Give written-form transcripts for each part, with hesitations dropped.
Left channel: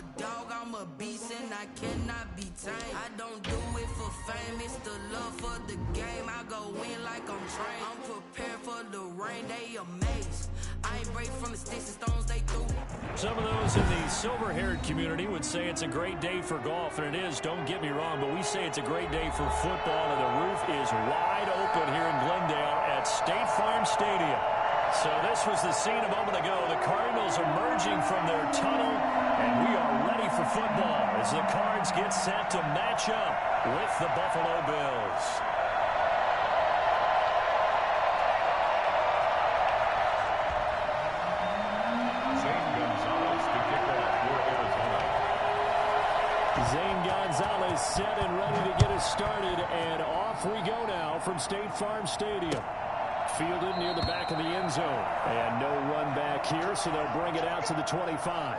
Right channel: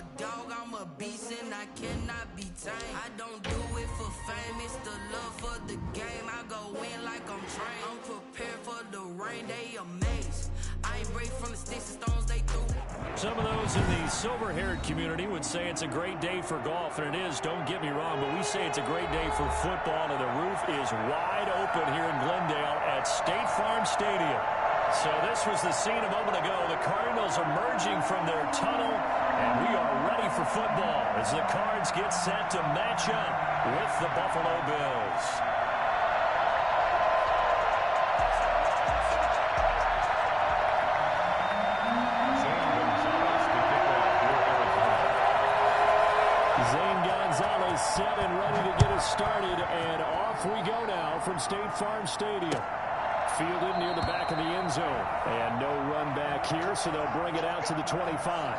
a dog, I'm a beast, and I cannot be tamed. I don't do it for fame, it's the love for the game. I go in like I'm trained. I'm prepared for the rain, they amazed. I ain't brave from the sticks and stones they threw. Some of those in the silver-haired community would say it's a great day for golf, and it is, don't get me wrong, but we say it's a great day for football, and the roof is wide open here in Glendale at State Farm Stadium. So this was the scene a moment ago. The Cardinals emerging from their tunnel, and we are ready for football as the Cards get set to match up with the Buffalo Bills. Zane Gonzalez set and ready to get us started, and off we go now from State Farm Stadium. Fielded near the back of the end zone, and no run back here, so they'll bring it out to the 25.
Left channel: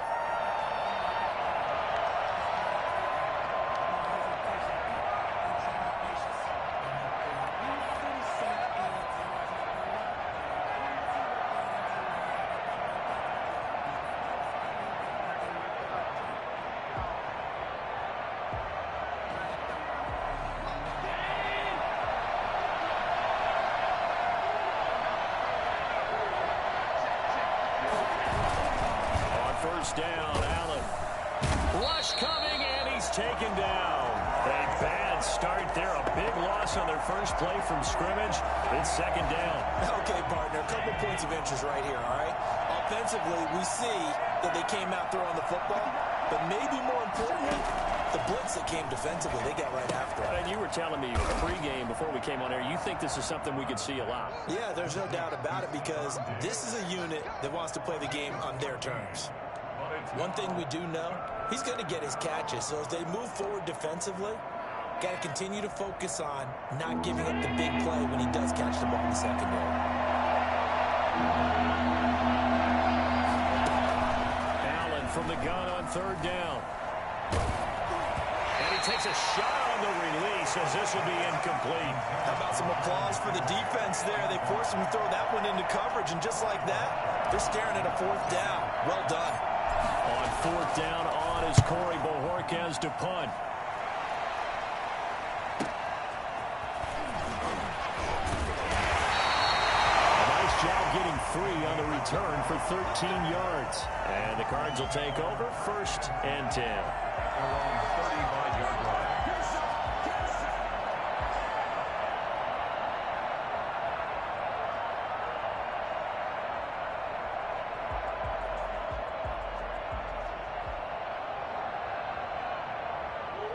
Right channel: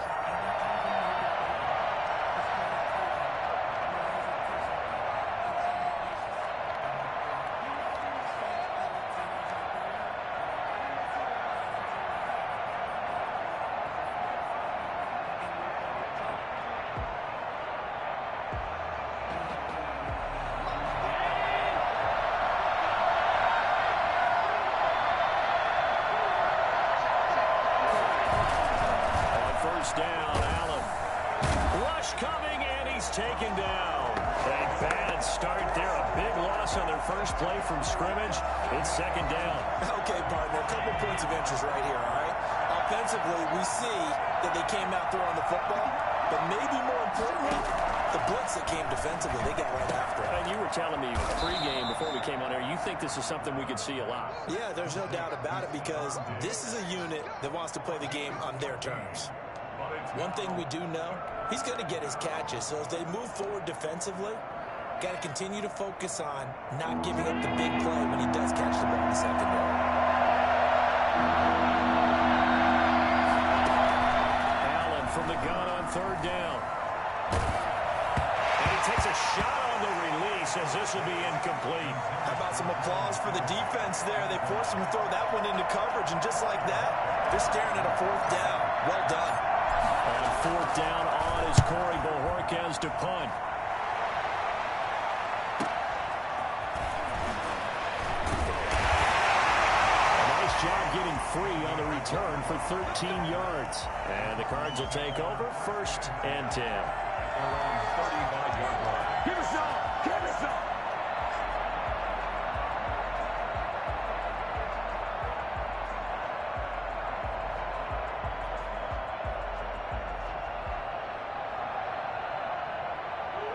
First down, Allen. Rush coming, and he's taken down. A bad start there. A big loss on their first play from scrimmage. It's second down. Okay, partner, a couple points of interest right here, all right? Offensively, we see that they came out throwing the football, but maybe more importantly, the blitz that came defensively, they got right after it. And you were telling me pregame before we came on air, you think this is something we could see a lot. Yeah, there's no doubt about it, because this is a unit that wants to play the game on their terms. One thing we do know, he's going to get his catches. So as they move forward defensively, got to continue to focus on not giving up the big play when he does catch the ball in the secondary. Allen from the gun on third down. And he takes a shot on the release as this will be incomplete. How about some applause for the defense there? They forced him to throw that one into coverage, and just like that, they're staring at a fourth down. Well done. On fourth down, on is Corey Bojorquez to punt. A nice job getting free on the return for 13 yards. And the Cards will take over, 1st and 10. Around 35-yard line. Give us up! Give us up!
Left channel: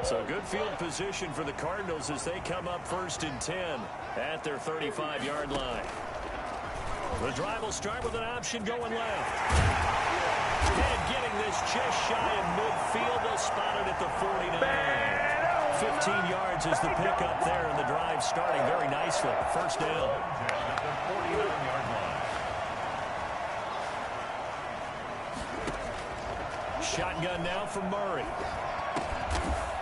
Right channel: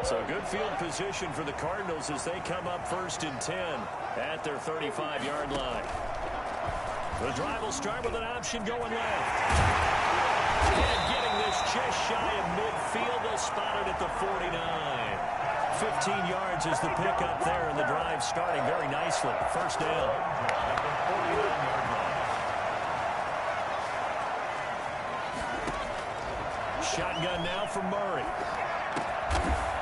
So good field position for the Cardinals as they come up 1st and 10 at their 35-yard line. The drive will start with an option going left. And getting this just shy of midfield, they'll spot it at the 49. 15 yards is the pickup there, and the drive starting very nicely. First down. At the 49-yard line. Shotgun now from Murray.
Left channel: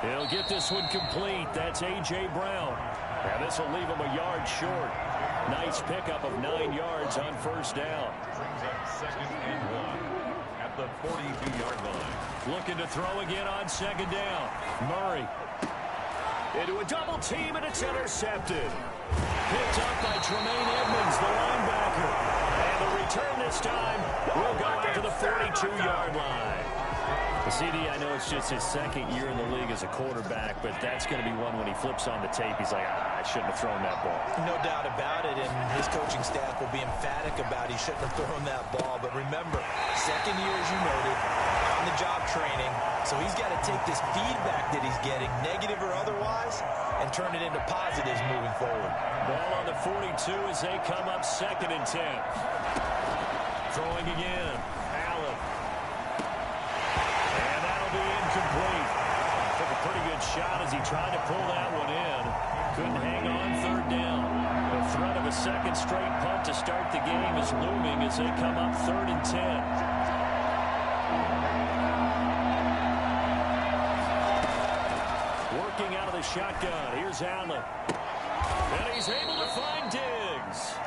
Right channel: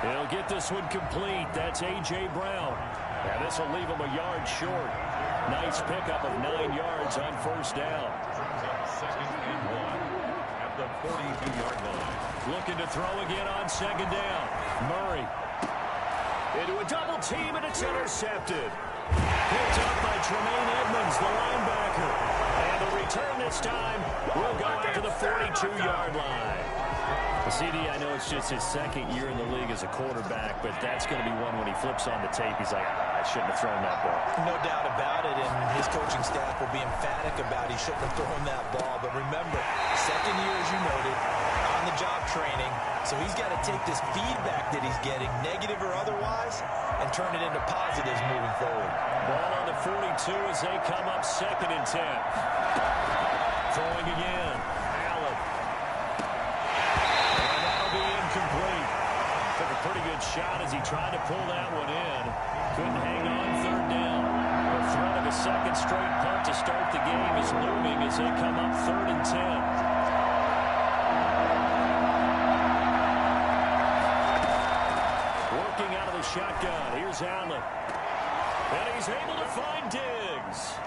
He'll get this one complete. That's A.J. Brown. And this will leave him a yard short. Nice pickup of 9 yards on first down. Brings up 2nd and 1 at the 42-yard line. Looking to throw again on second down. Murray into a double team, and it's intercepted. Picked up by Tremaine Edmonds, the linebacker. And the return this time will go out to the 42-yard line. CD, I know it's just his second year in the league as a quarterback, but that's going to be one when he flips on the tape. He's like, I shouldn't have thrown that ball. No doubt about it, and his coaching staff will be emphatic about he shouldn't have thrown that ball. But remember, second year, as you noted, on-the-job training, so he's got to take this feedback that he's getting, negative or otherwise, and turn it into positives moving forward. Ball on the 42 as they come up 2nd and 10. Throwing again. Allen. And that'll be incomplete. Took a pretty good shot as he tried to pull that one in. Couldn't hang on third down. The threat of a second straight punt to start the game is looming as they come up 3rd and 10. Working out of the shotgun. Here's Allen. And he's able to find Diggs.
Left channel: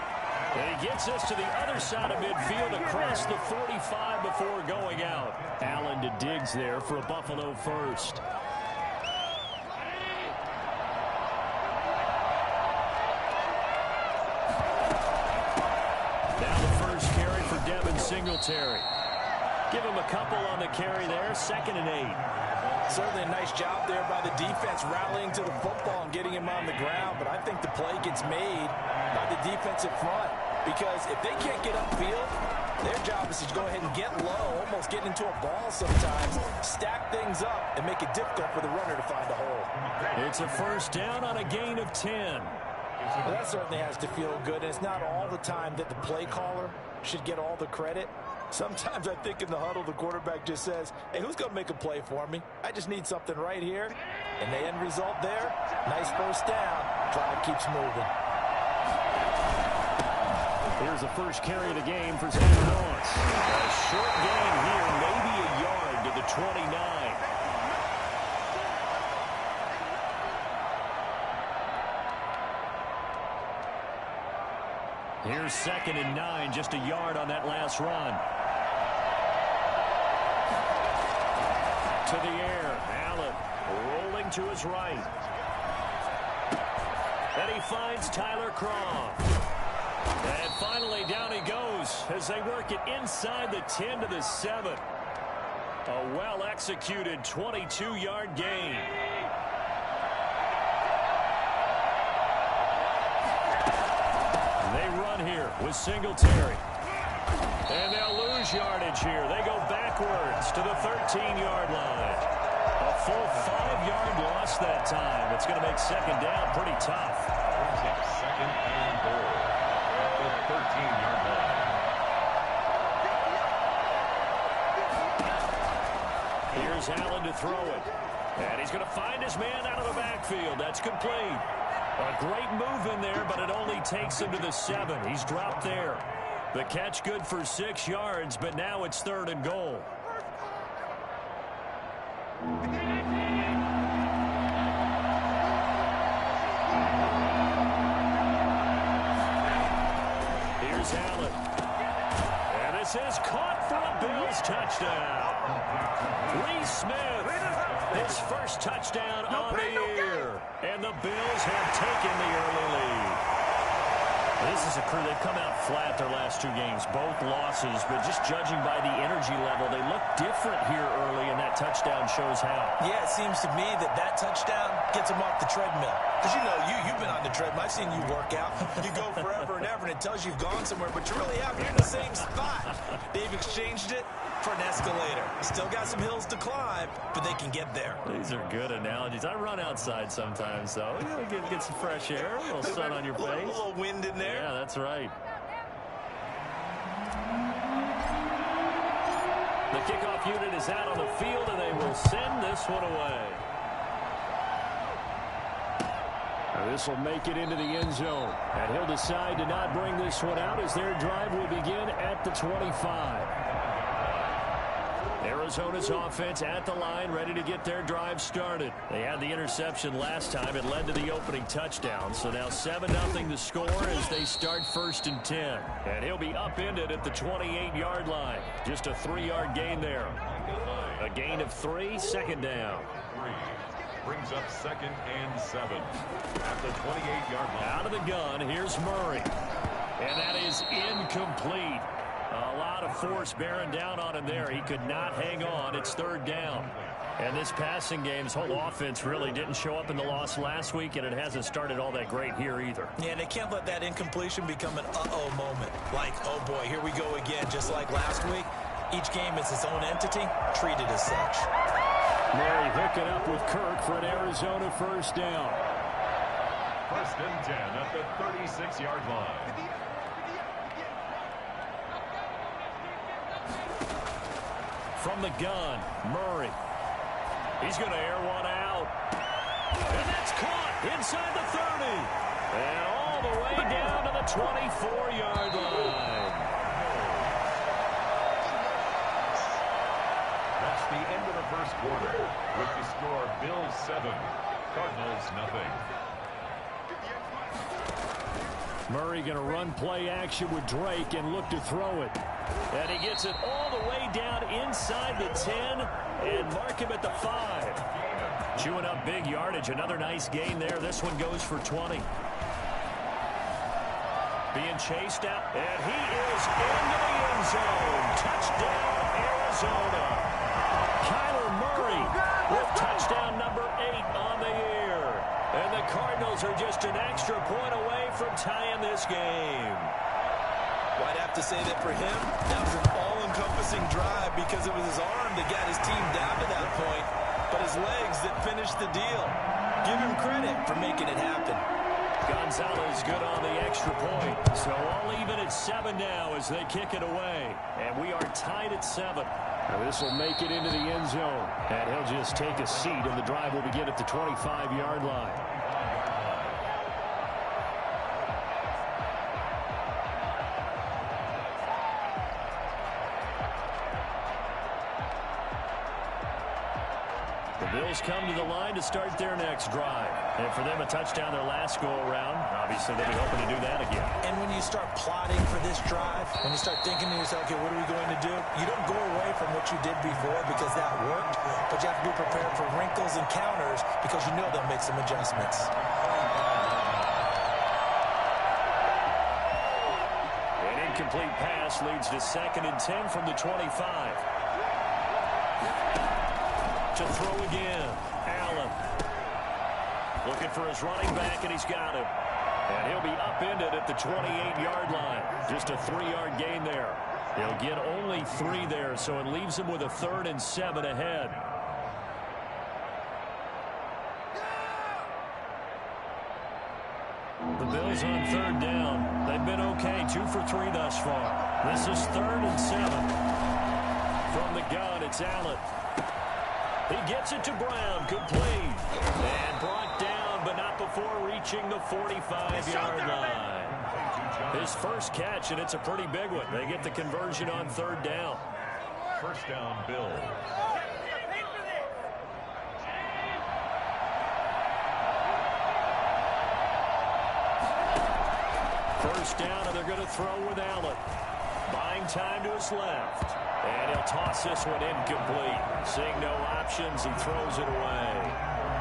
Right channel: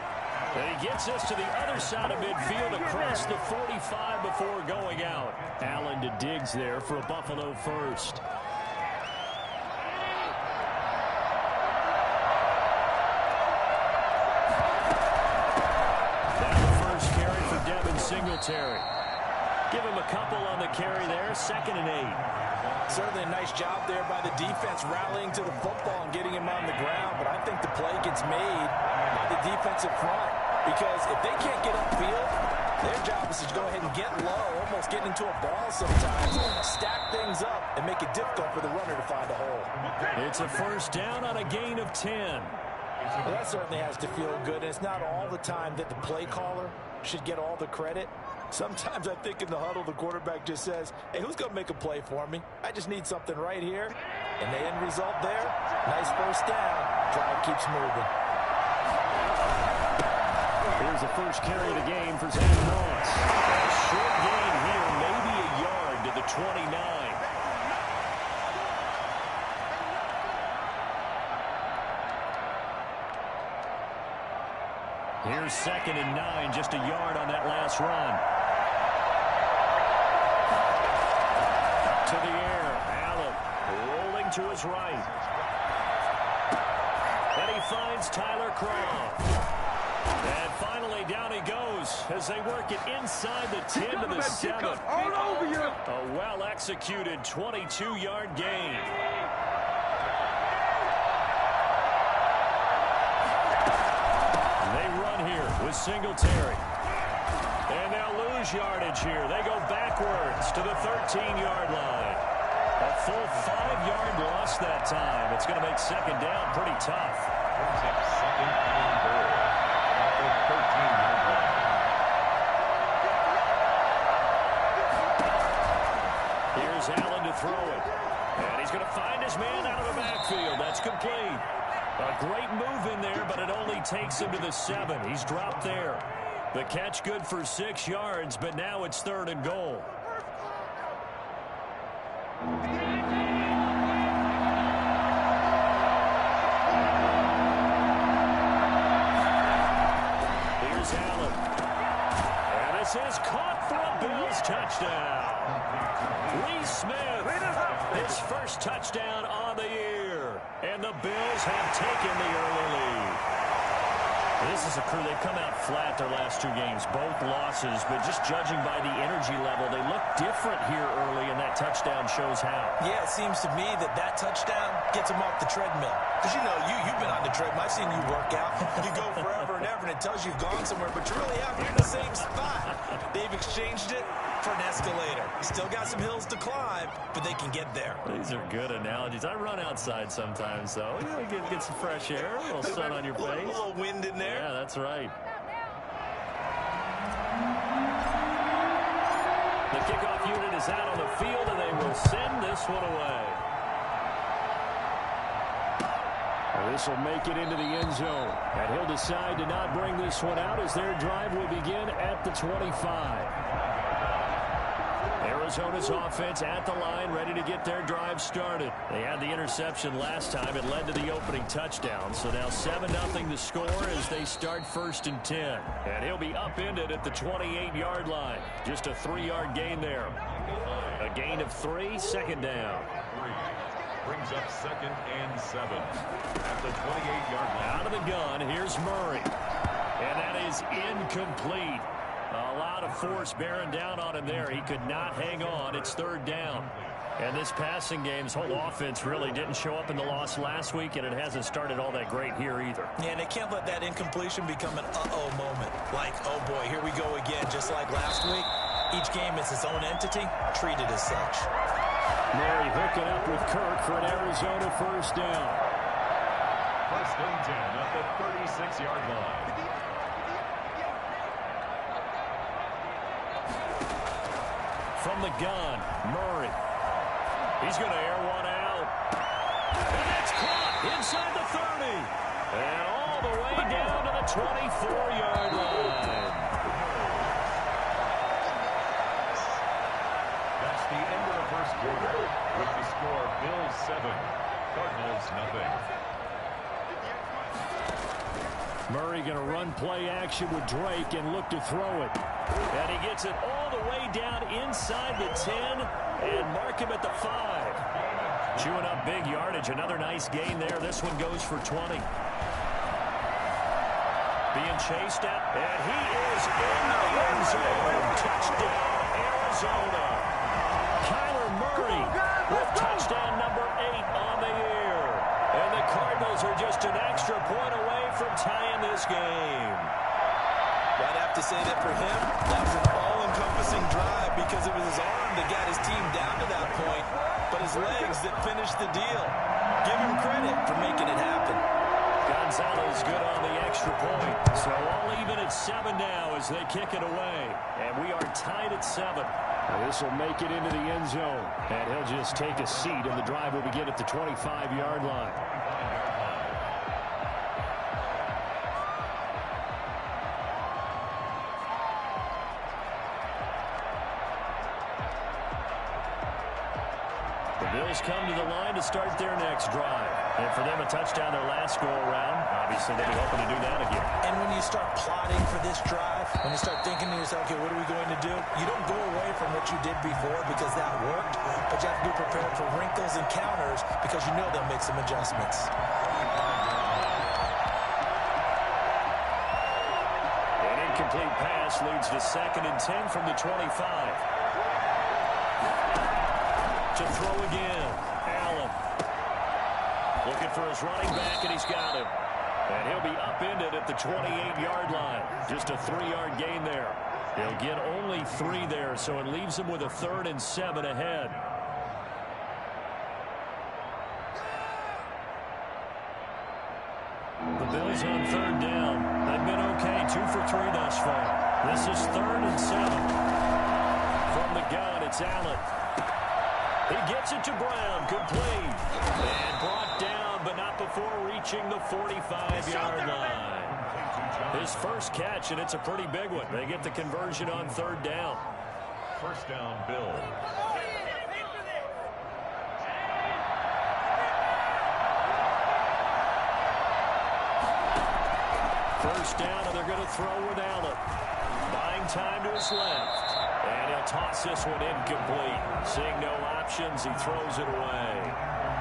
And he gets us to the other side of midfield across the 45 before going out. Allen to Diggs there for a Buffalo first. Now the first carry for Devin Singletary. Give him a couple on the carry there, 2nd and 8. Certainly a nice job there by the defense rallying to the football and getting him on the ground, but I think the play gets made by the defensive front because if they can't get upfield, their job is to go ahead and get low, almost get into a ball sometimes, stack things up, and make it difficult for the runner to find a hole. It's a first down on a gain of 10. Well, that certainly has to feel good, and it's not all the time that the play caller should get all the credit. Sometimes I think in the huddle, the quarterback just says, hey, who's going to make a play for me? I just need something right here. And the end result there, nice first down. Drive keeps moving. Here's the first carry of the game for Zach Moss. A short gain here, maybe a yard to the 29. Here's 2nd and 9, just a yard on that last run. To the air, Allen rolling to his right. And he finds Tyler Croft. And finally down he goes as they work it inside the 10 to the 7. A well-executed 22-yard gain. They run here with Singletary. And they'll lose yardage here. They go backwards to the 13-yard line. A full 5-yard loss that time. It's going to make 2nd down pretty tough. Brings up 2nd and goal at the 13-yard line. Here's Allen to throw it. And he's going to find his man out of the backfield. That's complete. A great move in there, but it only takes him to the 7. He's dropped there. The catch good for 6 yards, but now it's 3rd and goal. Here's Allen. And this is caught for a Bills touchdown. Lee Smith, his first touchdown on the year. And the Bills have taken the early lead. This is a crew, they've come out flat their last 2 games, both losses, but just judging by the energy level, they look different here early, and that touchdown shows how. Yeah, it seems to me that touchdown gets them off the treadmill. Because, you know, you've been on the treadmill. I've seen you work out. You go forever and ever, and it tells you you've gone somewhere, but you really haven't. You're in the same spot. They've exchanged it for an escalator. Still got some hills to climb, but they can get there. These are good analogies. I run outside sometimes, though. You know, get some fresh air, a little sun on your face. A little wind in there. Yeah, that's right. The kickoff unit is out on the field, and they will send this one away. This will make it into the end zone. And he'll decide to not bring this one out as their drive will begin at the 25. Arizona's offense at the line, ready to get their drive started. They had the interception last time. It led to the opening touchdown. So now 7-0 the score as they start 1st and 10. And he'll be upended at the 28-yard line. Just a 3-yard gain there. A gain of 3, 2nd down. Brings up 2nd and 7 at the 28-yard line. Out of the gun, here's Murray. And that is incomplete. A lot of force bearing down on him there. He could not hang on. It's 3rd down. And this passing game, this whole offense really didn't show up in the loss last week, and it hasn't started all that great here either. Yeah, and they can't let that incompletion become an uh-oh moment. Like, oh boy, here we go again, just like last week. Each game is its own entity, treated as such. Murray hooking up with Kirk for an Arizona first down. 1st and 10 at the 36-yard line. From the gun, Murray. He's going to air one out. And that's caught inside the 30. And all the way down to the 24-yard line. That's the end of the first quarter. With the score, Bills 7, Cardinals nothing. Murray going to run play action with Drake and look to throw it. And he gets it all the way down inside the 10 and mark him at the 5. Chewing up big yardage. Another nice gain there. This one goes for 20. Being chased out, and he is into the end zone. Touchdown, Arizona. Kyler Murray with touchdown number 8 on the year. And the Cardinals are just an extra point away from tying this game. Well, I'd have to say that for him, that was an all-encompassing drive because it was his arm that got his team down to that point, but his legs that finished the deal. Give him credit for making it happen. Gonzalez good on the extra point. So all even at 7 now as they kick it away. And we are tied at 7. Now this will make it into the end zone. And he'll just take a seat, and the drive will begin at the 25-yard line. The Bills come to the line to start their next drive. And for them, a touchdown their last go-around. Obviously, they'll be hoping to do that again. And when you start plotting for this drive, when you start thinking to yourself, okay, what are we going to do? You don't go away from what you did before because that worked, but you have to be prepared for wrinkles and counters because you know they'll make some adjustments. An incomplete pass leads to 2nd and 10 from the 25. To throw again. Allen. Looking for his running back, and he's got him. And he'll be upended at the 28-yard line. Just a 3-yard gain there. He'll get only 3 there, so it leaves him with a 3rd and 7 ahead. The Bills on 3rd down. They've been okay, 2 for 3 thus far. This is 3rd and 7. From the gun, it's Allen. He gets it to Brown, complete, and brought down, but not before reaching the 45-yard line. His first catch, and it's a pretty big one. They get the conversion on 3rd down. First down, Bills. First down, and they're going to throw with Allen. Buying time to his left. And he'll toss this one incomplete. Seeing no options, he throws it away.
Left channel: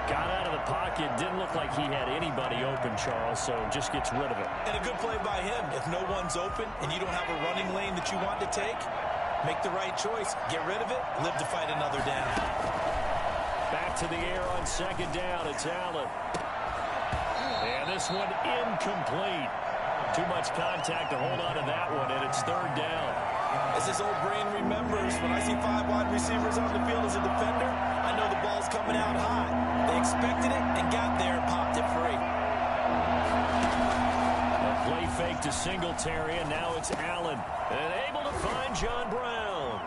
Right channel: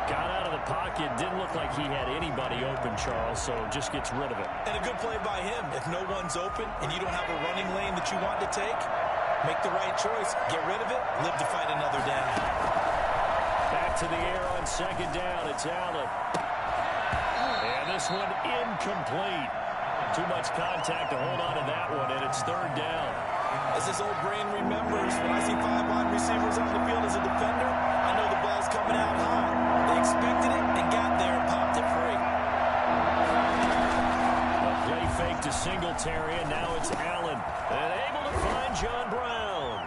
Got out of the pocket. Didn't look like he had anybody open, Charles, so just gets rid of it. And a good play by him. If no one's open and you don't have a running lane that you want to take, make the right choice. Get rid of it. Live to fight another down. Back to the air on 2nd down. It's Allen. And this one incomplete. Too much contact to hold on to that one, and it's 3rd down. As this old brain remembers, when I see 5 wide receivers on the field as a defender, I know the ball's coming out high. They expected it and got there and popped it free. A play fake to Singletary, and now it's Allen. And able to find John Brown.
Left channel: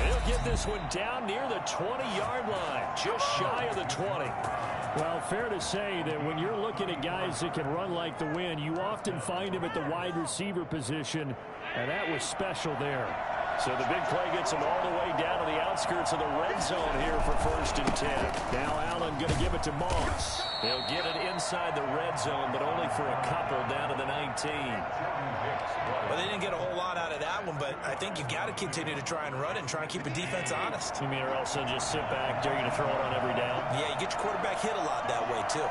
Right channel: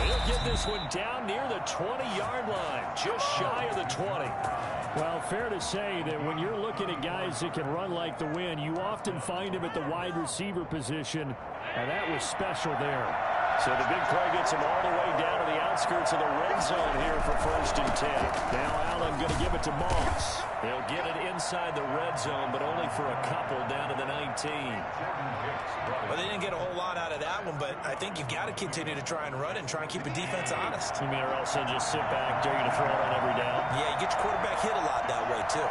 And he'll get this one down near the 20-yard line, just shy of the 20. Well, fair to say that when you're looking at guys that can run like the wind, you often find him at the wide receiver position, and that was special there. So the big play gets him all the way down to the outskirts of the red zone here for 1st and 10. Now Allen going to give it to Moss. He'll get it inside the red zone, but only for a couple down to the 19. Well, they didn't get a whole lot out of that one, but I think you've got to continue to try and run and try and keep the defense honest. You mean, or else they'll just sit back, dare you to throw it on every down? Yeah, you get your quarterback hit a lot that way, too.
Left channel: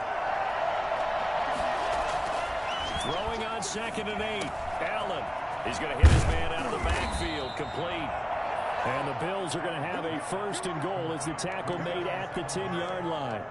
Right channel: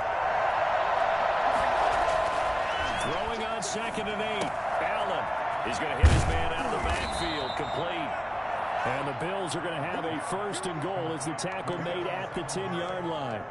Throwing on 2nd and 8. Allen. He's going to hit his man out of the backfield, complete. And the Bills are going to have a 1st and goal as the tackle made at the 10-yard line.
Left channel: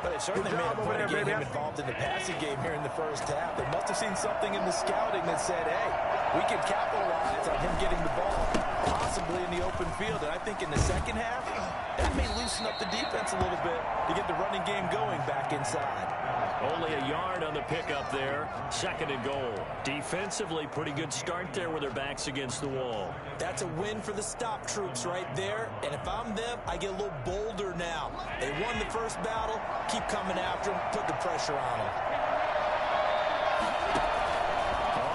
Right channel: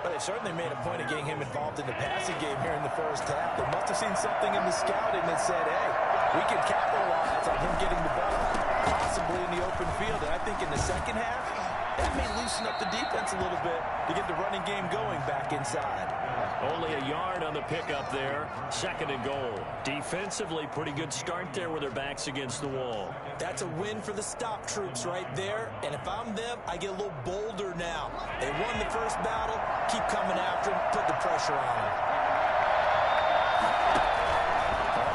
But they certainly made a point of getting him involved in the passing game here in the first half. They must have seen something in the scouting that said, hey, we can capitalize on him getting the ball, possibly in the open field. And I think in the second half, that may loosen up the defense a little bit to get the running game going back inside. Only a yard on the pickup there. 2nd and goal. Defensively, pretty good start there with their backs against the wall. That's a win for the stop troops right there. And if I'm them, I get a little bolder now. They won the first battle. Keep coming after them. Put the pressure on them.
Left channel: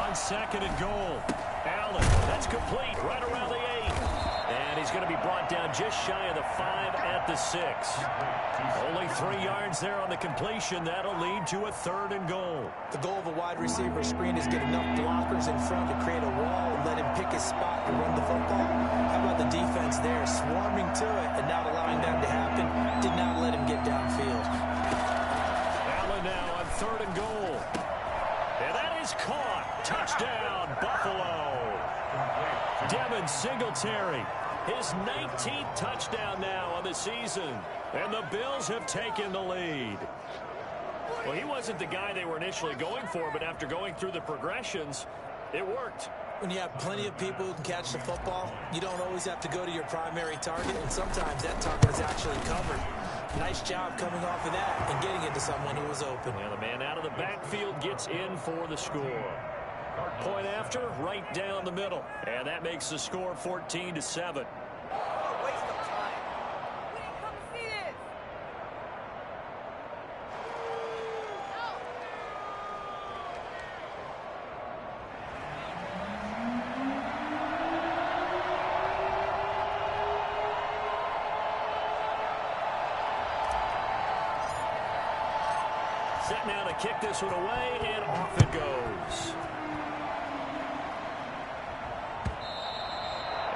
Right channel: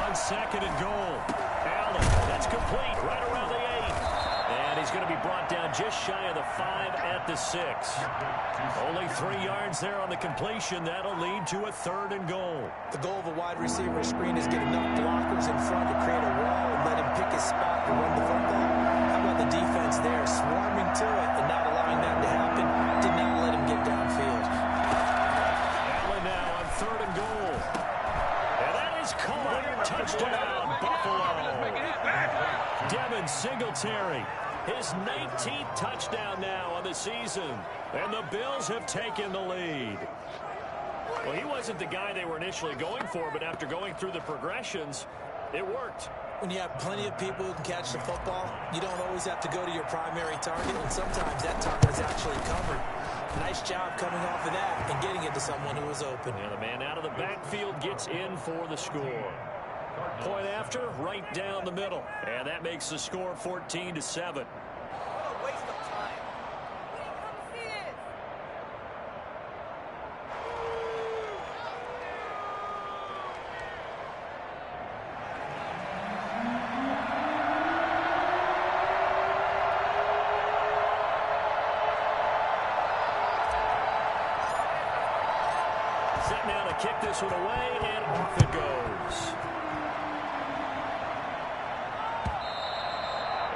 On 2nd and goal. Allen, that's complete right around the 8. And he's going to be brought down just shy of the 5 at the 6. Only 3 yards there on the completion. That'll lead to a 3rd and goal. The goal of a wide receiver screen is get enough blockers in front to create a wall and let him pick his spot to run the football. How about the defense there, swarming to it and not allowing that to happen? Did not let him get downfield. Allen now on 3rd and goal. And that is caught. Touchdown, Buffalo. Devin Singletary, his 19th touchdown now on the season. And the Bills have taken the lead. Well, he wasn't the guy they were initially going for, but after going through the progressions, it worked. When you have plenty of people who can catch the football, you don't always have to go to your primary target, and sometimes that target is actually covered. Nice job coming off of that and getting it to someone who was open. And the man out of the backfield gets in for the score. Point after, right down the middle. And that makes the score 14-7. Set now to kick this one away, and off it goes.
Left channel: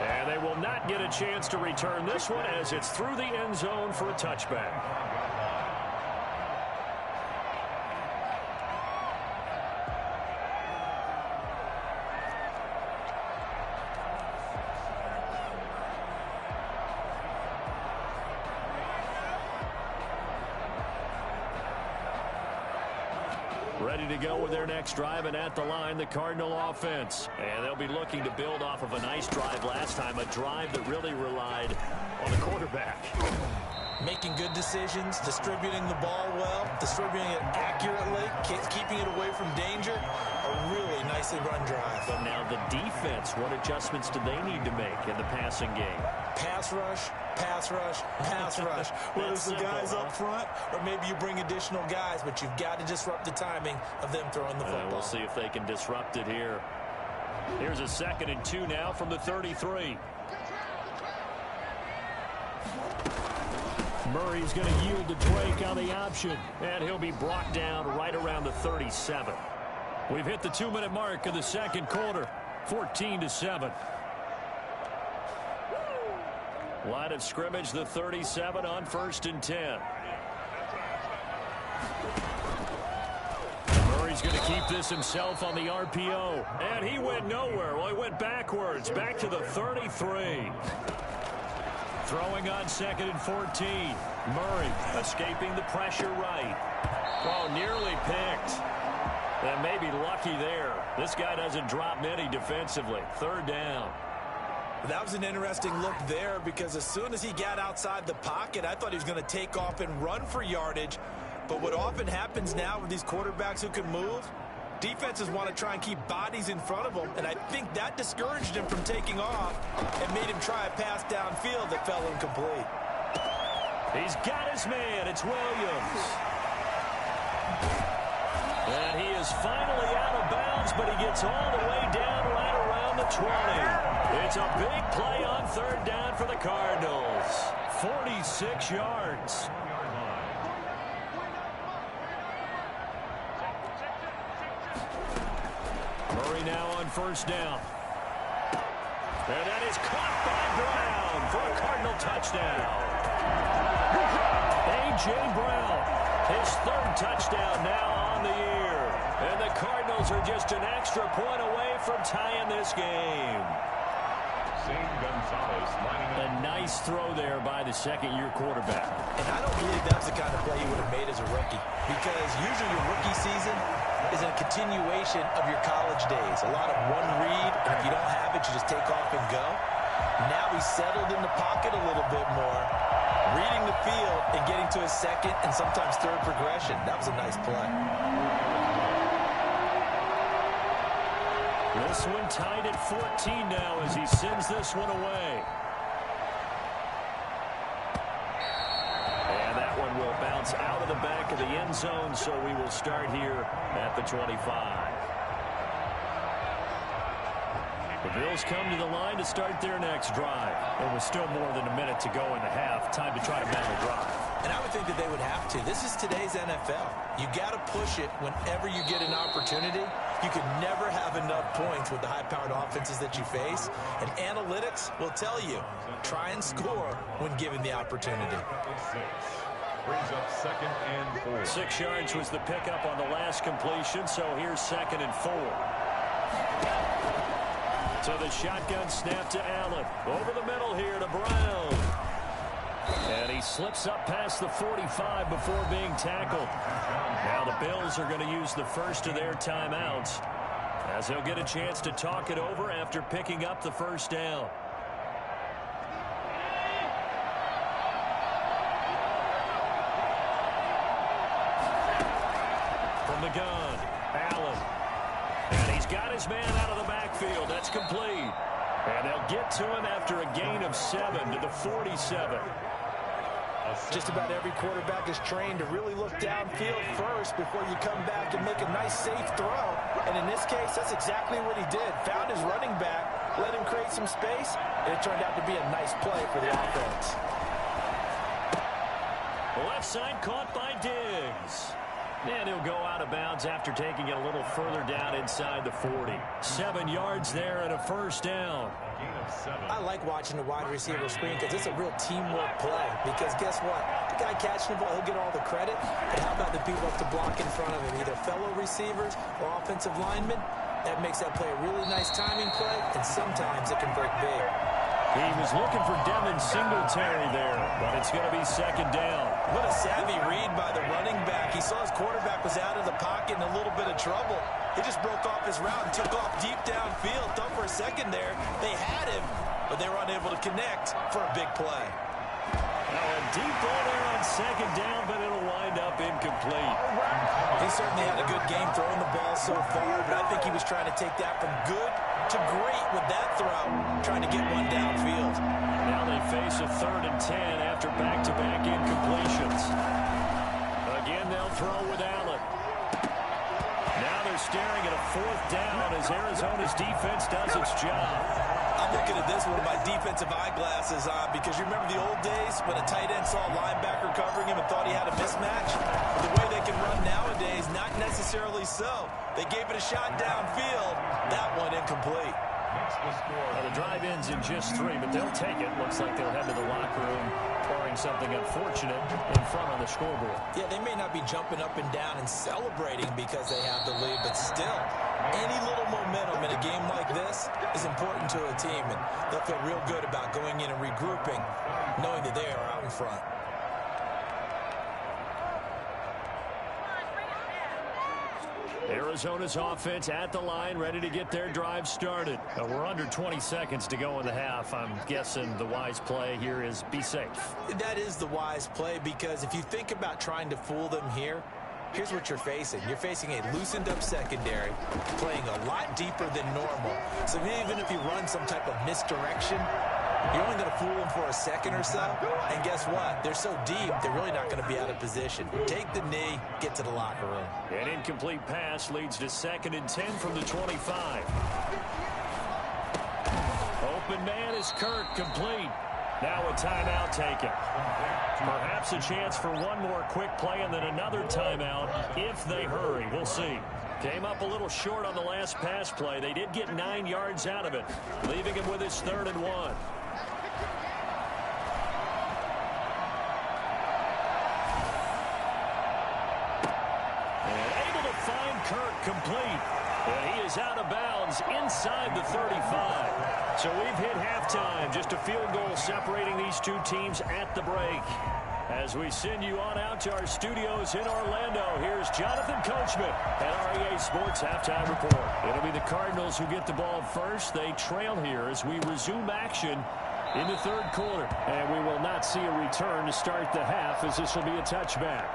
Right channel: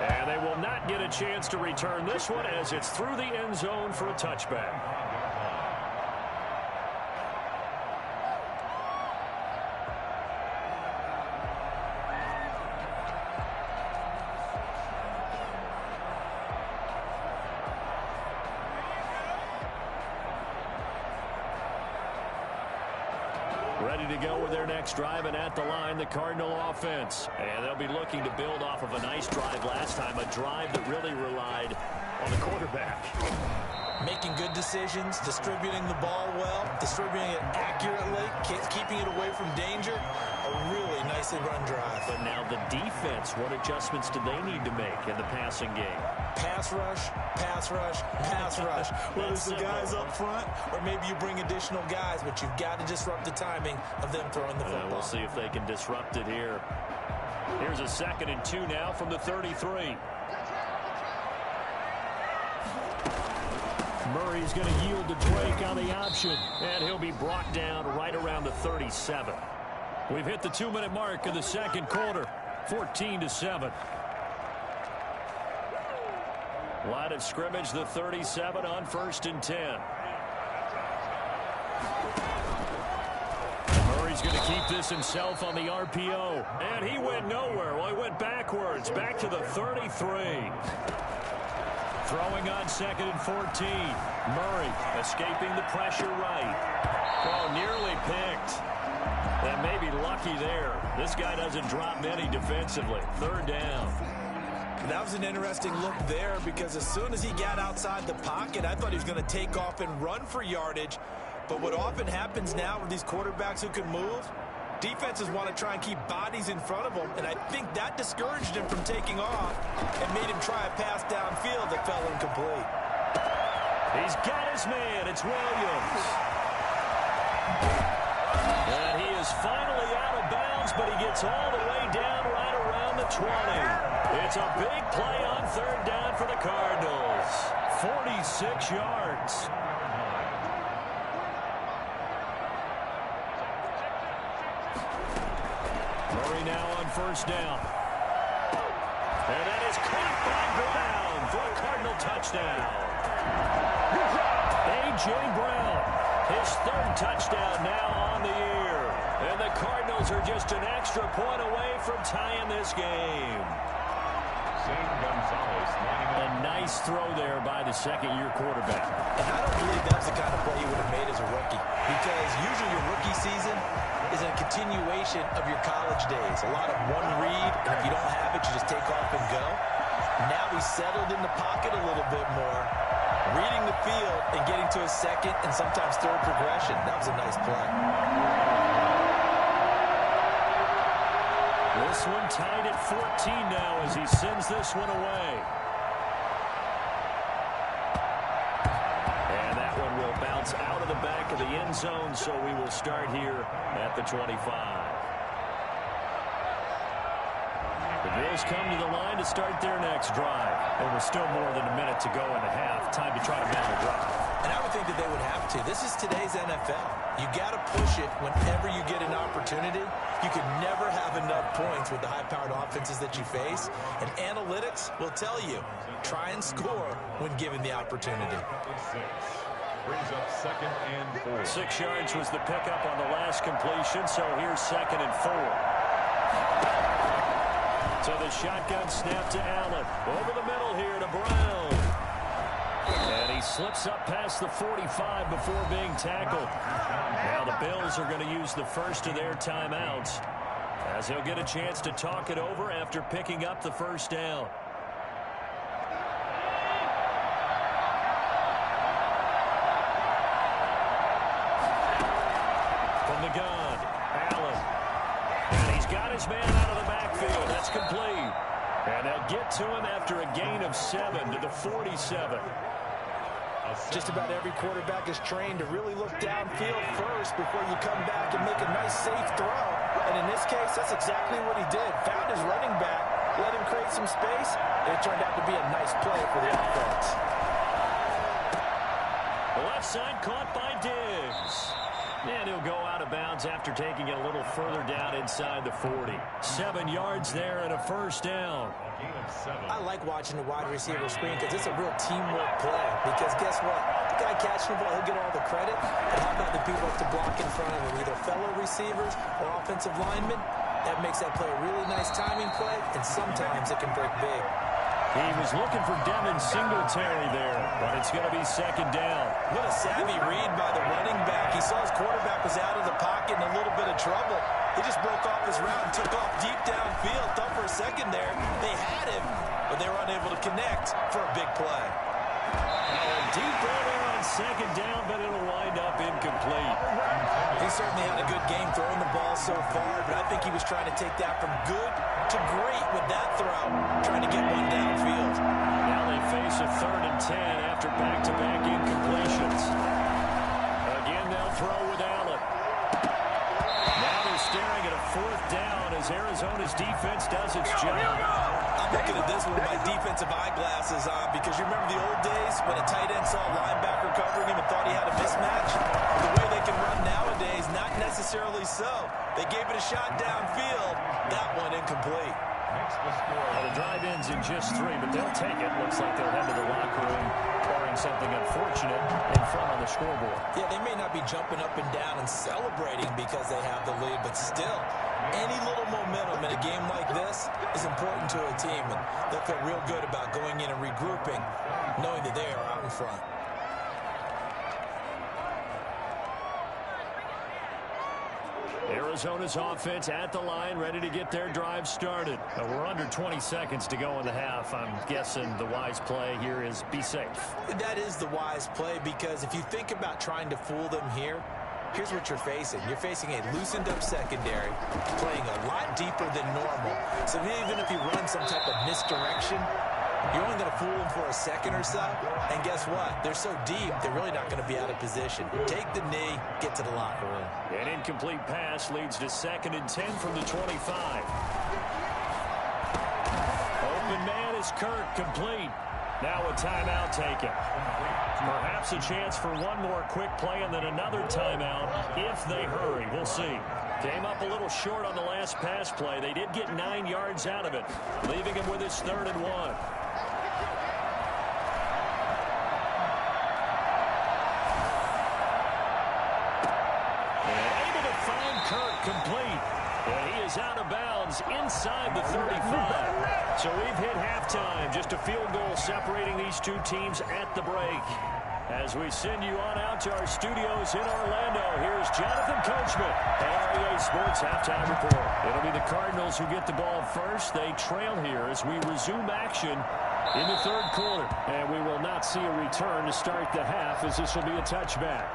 And they will not get a chance to return this one as it's through the end zone for a touchback. Ready to go with their next drive, and at the line, the Cardinal offense. And they'll be looking to build off of a nice drive last time, a drive that really relied on the quarterback. Making good decisions, distributing the ball well, distributing it accurately, keeping it away from danger. A really nicely run drive. But now the defense, what adjustments do they need to make in the passing game? Pass rush, pass rush, pass rush. Whether it's the guys up front or maybe you bring additional guys, but you've got to disrupt the timing of them throwing the football. We'll see if they can disrupt it here. Here's a 2nd and 2 now from the 33. Murray's going to yield to Drake on the option, and he'll be brought down right around the 37. We've hit the 2-minute mark of the second quarter, 14-7. Line of scrimmage, the 37 on 1st and 10. Murray's going to keep this himself on the RPO, and he went nowhere. Well, he went backwards, back to the 33. Throwing on 2nd and 14. Murray escaping the pressure right. Oh, nearly picked. And maybe lucky there. This guy doesn't drop many defensively. 3rd down. That was an interesting look there because as soon as he got outside the pocket, I thought he was going to take off and run for yardage. But what often happens now with these quarterbacks who can move, defenses want to try and keep bodies in front of them, and I think that discouraged him from taking off and made him try a pass downfield that fell incomplete. He's got his man. It's Williams. And he is finally out of bounds, but he gets all the way down right around the 20. It's a big play on 3rd down for the Cardinals. 46 yards. Murray now on 1st down. And that is caught by Brown for a Cardinal touchdown. A.J. Brown, his 3rd touchdown now on the year. And the Cardinals are just an extra point away from tying this game. A nice throw there by the 2nd-year quarterback. And I don't believe that was the kind of play he would have made as a rookie, because usually your rookie season is a continuation of your college days. A lot of one read, and if you don't have it, you just take off and go. Now he's settled in the pocket a little bit more, reading the field and getting to his 2nd and sometimes 3rd progression. That was a nice play. This one tied at 14 now as he sends this one away. And that one will bounce out of the back of the end zone, so we will start here at the 25. The Bills come to the line to start their next drive. It was still more than a minute to go in the half. Time to try to mount a drive. And I would think that they would have to. This is today's NFL. You got to push it whenever you get an opportunity. You can never have enough points with the high-powered offenses that you face. And analytics will tell you, try and score when given the opportunity. Brings up 2nd and 4. 6 yards was the pickup on the last completion, so here's 2nd and 4. So the shotgun snap to Allen. Over the middle here to Brown. And he slips up past the 45 before being tackled. Now the Bills are going to use the first of their timeouts, as they'll get a chance to talk it over after picking up the first down. From the gun, Allen. And he's got his man out of the backfield. That's complete. And they'll get to him after a gain of 7 to the 47. Just about every quarterback is trained to really look downfield first before you come back and make a nice, safe throw. And in this case, that's exactly what he did. Found his running back, let him create some space, and it turned out to be a nice play for the offense. The left side caught by Diggs. And he'll go out of bounds after taking it a little further down inside the 40. 7 yards there and a first down. I like watching the wide receiver screen because it's a real teamwork play. Because guess what? The guy catching the ball, he'll get all the credit. But how about the people up to block in front of him, either fellow receivers or offensive linemen? That makes that play a really nice timing play, and sometimes it can break big. He was looking for Devin Singletary there, but it's going to be 2nd down. What a savvy read by the running back. He saw his quarterback was out of the pocket in a little bit of trouble. He just broke off his route and took off deep downfield. Thought for a second there they had him, but they were unable to connect for a big play. Now a deep ball there on 2nd down, but it'll wind up incomplete. He certainly had a good game throwing the ball so far, but I think he was trying to take that from good to great with that throw, trying to get one downfield. Now they face a 3rd and 10 after back-to-back incompletions. Again, they'll throw with Allen. Now they're staring at a 4th down as Arizona's defense does its job. I'm looking at this with my defensive eyeglasses on because you remember the old days when a tight end saw a linebacker covering him and thought he had a mismatch? The way they can run nowadays, not necessarily so. They gave it a shot downfield. That one incomplete. The drive ends in just 3, but they'll take it. Looks like they'll head to the locker room, barring something unfortunate in front on the scoreboard. Yeah, they may not be jumping up and down and celebrating because they have the lead, but still, any little momentum in a game like this is important to a team, and they'll feel real good about going in and regrouping, knowing that they are out in front. Arizona's offense at the line, ready to get their drive started. We're under 20 seconds to go in the half. I'm guessing the wise play here is be safe. That is the wise play, because if you think about trying to fool them here, here's what you're facing. You're facing a loosened up secondary, playing a lot deeper than normal. So even if you run some type of misdirection, you're only going to fool them for a second or so. And guess what? They're so deep, they're really not going to be out of position. Take the knee, get to the locker room. An incomplete pass leads to 2nd and 10 from the 25. Open man is Kirk, complete. Now a timeout taken. Perhaps a chance for one more quick play and then another timeout if they hurry. We'll see. Came up a little short on the last pass play. They did get 9 yards out of it, leaving him with his 3rd and 1. And able to find Kirk, complete. And he is out of bounds inside the 35. So we've hit halftime. Just a field goal separating these two teams at the break. As we send you on out to our studios in Orlando, here's Jonathan Coachman at REA Sports Halftime Report. It'll be the Cardinals who get the ball first. They trail here as we resume action in the 3rd quarter. And we will not see a return to start the half, as this will be a touchback.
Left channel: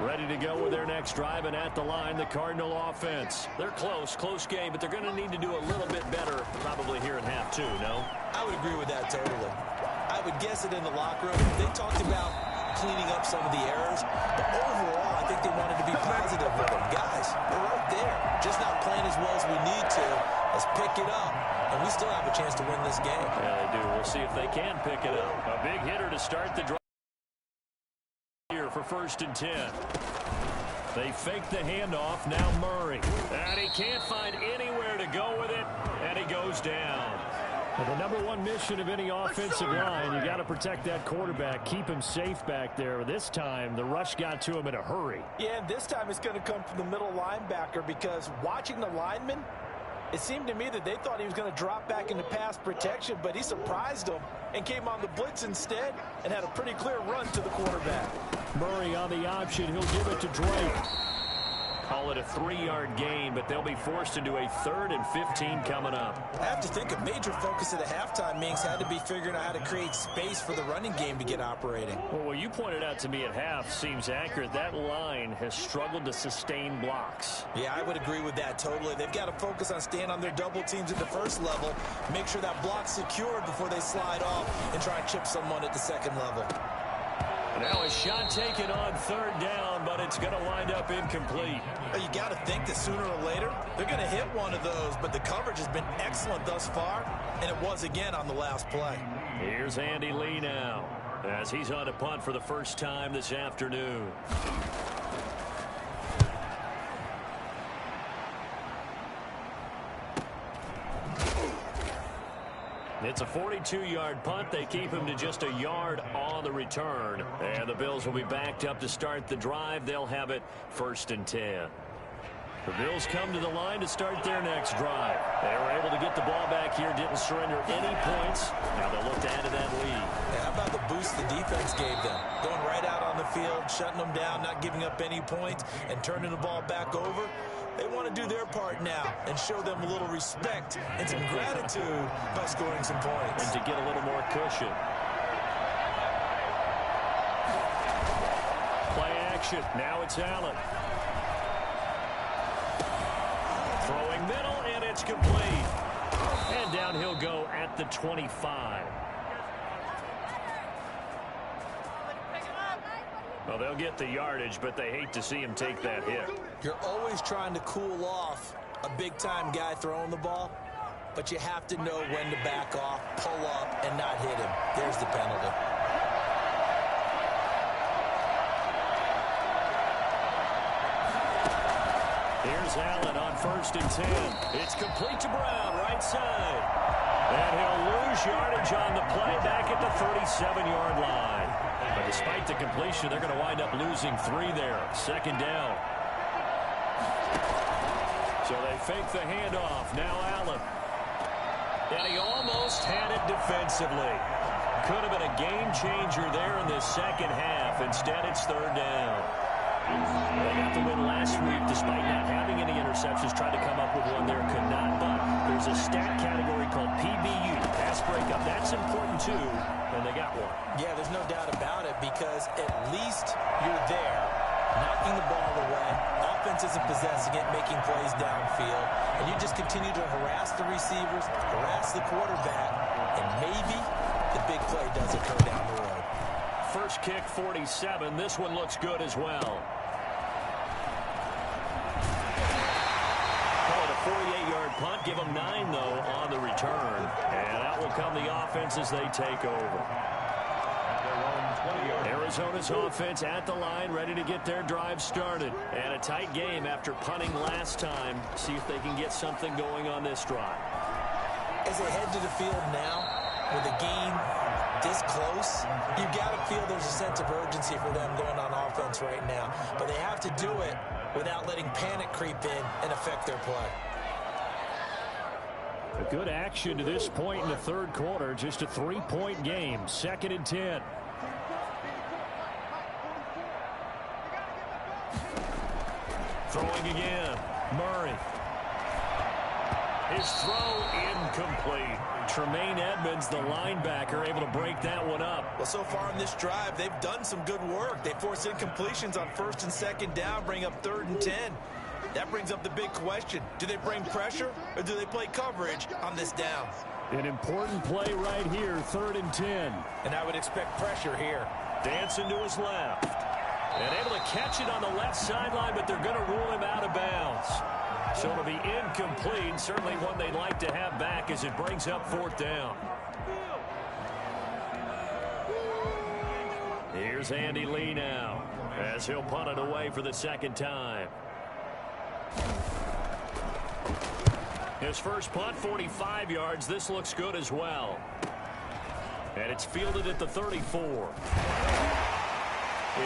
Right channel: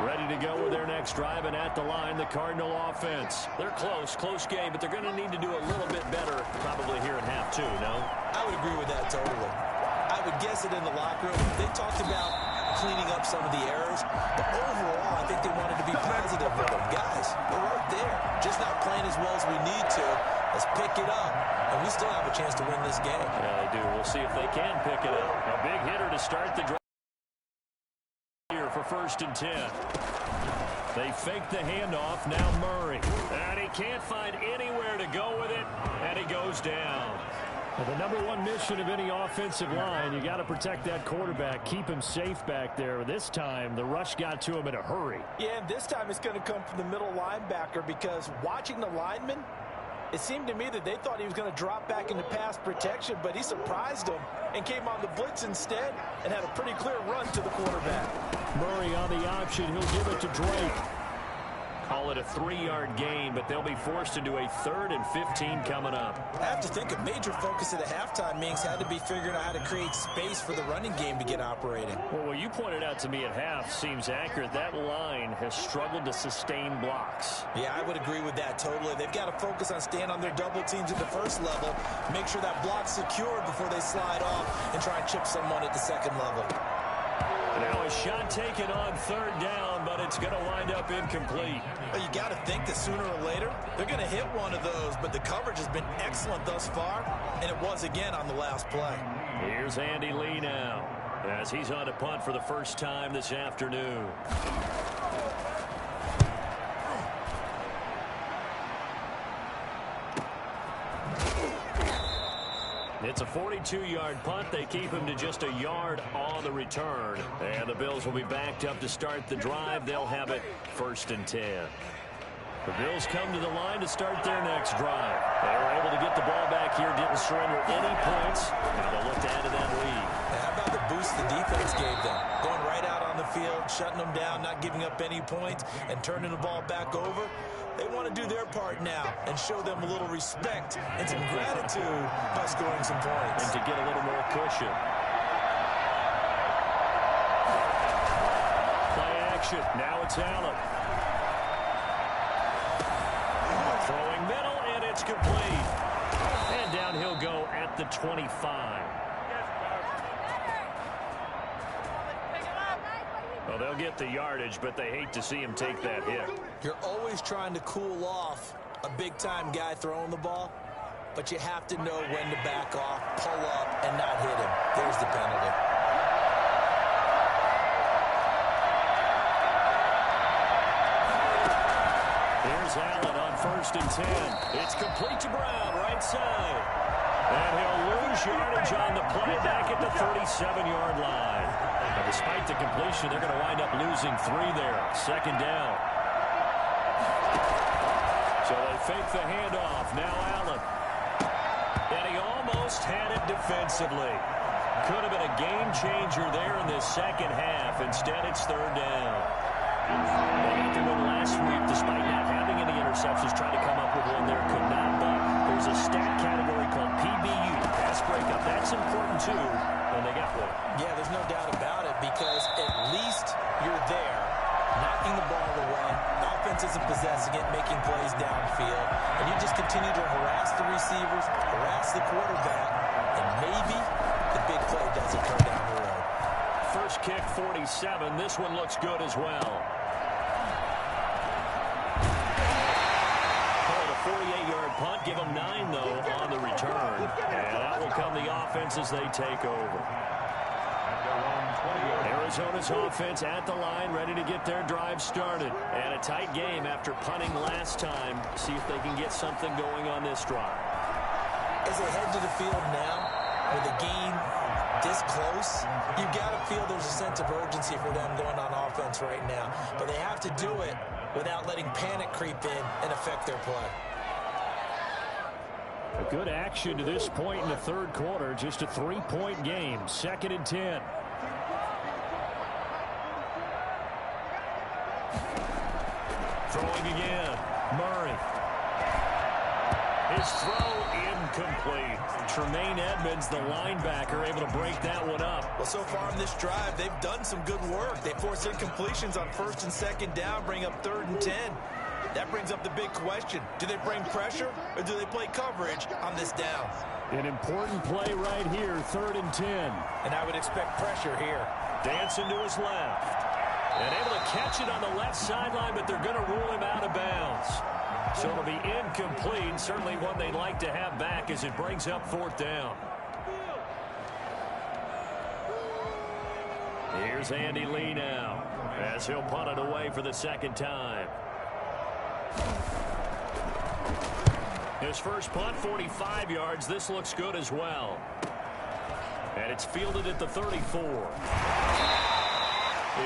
Ready to go with their next drive, and at the line, the Cardinal offense. They're close game, but they're going to need to do a little bit better probably here in half 2, no? I would agree with that totally. I would guess it in the locker room. They talked about cleaning up some of the errors. But overall, I think they wanted to be positive with them. Guys, we're right there. Just not playing as well as we need to. Let's pick it up, and we still have a chance to win this game. Yeah, they do. We'll see if they can pick it up. A big hitter to start the drive here for 1st and 10. They fake the handoff. Now Murray. And he can't find anywhere to go with it, and he goes down. Well, the number one mission of any offensive line, you got to protect that quarterback, keep him safe back there. This time, the rush got to him in a hurry. Yeah, and this time it's going to come from the middle linebacker, because watching the lineman, it seemed to me that they thought he was going to drop back into pass protection, but he surprised them and came on the blitz instead and had a pretty clear run to the quarterback. Murray on the option. He'll give it to Drake. Call it a 3-yard gain, but they'll be forced into a 3rd and 15 coming up. I have to think a major focus of the halftime meetings had to be figuring out how to create space for the running game to get operating. Well, what you pointed out to me at half seems accurate. That line has struggled to sustain blocks. Yeah, I would agree with that totally. They've got to focus on staying on their double teams at the first level, make sure that block's secured before they slide off and try and chip someone at the second level. Now a shot taken on 3rd down, but it's going to wind up incomplete. Well, you got to think that sooner or later they're going to hit one of those, but the coverage has been excellent thus far, and it was again on the last play. Here's Andy Lee now as he's on to punt for the first time this afternoon. It's a 42-yard punt. They keep him to just a yard on the return. And the Bills will be backed up to start the drive. They'll have it 1st and 10. The Bills come to the line to start their next drive. They were able to get the ball back here, didn't surrender any points. Now they'll look to add to that lead. Yeah, how about the boost the defense gave them? Going right out on the field, shutting them down, not giving up any points, and turning the ball back over. They want to do their part now and show them a little respect and some gratitude by scoring some points. And to get a little more cushion. Play action. Now it's Allen. Throwing middle, and it's complete. And down he'll go at the 25. Well, they'll get the yardage, but they hate to see him take that hit. You're always trying to cool off a big-time guy throwing the ball, but you have to know when to back off, pull up, and not hit him. There's the penalty. Here's Allen on 1st and 10. It's complete to Brown, right side. And he'll lose yardage on the play back at the 37-yard line. But despite the completion, they're going to wind up losing 3 there. 2nd down. So they fake the handoff. Now Allen. And he almost had it defensively. Could have been a game changer there in this second half. Instead, it's 3rd down. They got the win last week despite not having any interceptions. Tried to come up with one there, could not. But there's a stat category called PBU, pass breakup. That's important too, and they got one. Yeah, there's no doubt about it, because at least you're there, knocking the ball away. Offense isn't possessing it, making plays downfield. And you just continue to harass the receivers, harass the quarterback, and maybe the big play does occur down the road. First kick, 47. This one looks good as well. Call it a 48-yard punt. Give them 9, though, on the return. And out will come the offense as they take over. Arizona's offense at the line, ready to get their drive started. And a tight game after punting last time. See if they can get something going on this drive. As they head to the field now, with the game this close, you've got to feel there's a sense of urgency for them going on offense right now. But they have to do it without letting panic creep in and affect their play. A good action to this point in the 3rd quarter. Just a 3-point game. 2nd and 10. Throwing again. Murray. His throw incomplete. Tremaine Edmonds, the linebacker, able to break that one up. Well, so far in this drive, they've done some good work. They forced incompletions on 1st and 2nd down, bring up 3rd and 10. That brings up the big question. Do they bring pressure, or do they play coverage on this down? An important play right here, 3rd and 10. And I would expect pressure here. Dancing to his left. And able to catch it on the left sideline, but they're going to rule him out of bounds. So it'll be incomplete. Certainly one they'd like to have back as it brings up 4th down. Here's Andy Lee now as he'll punt it away for the 2nd time. His first punt, 45 yards. This looks good as well. And it's fielded at the 34.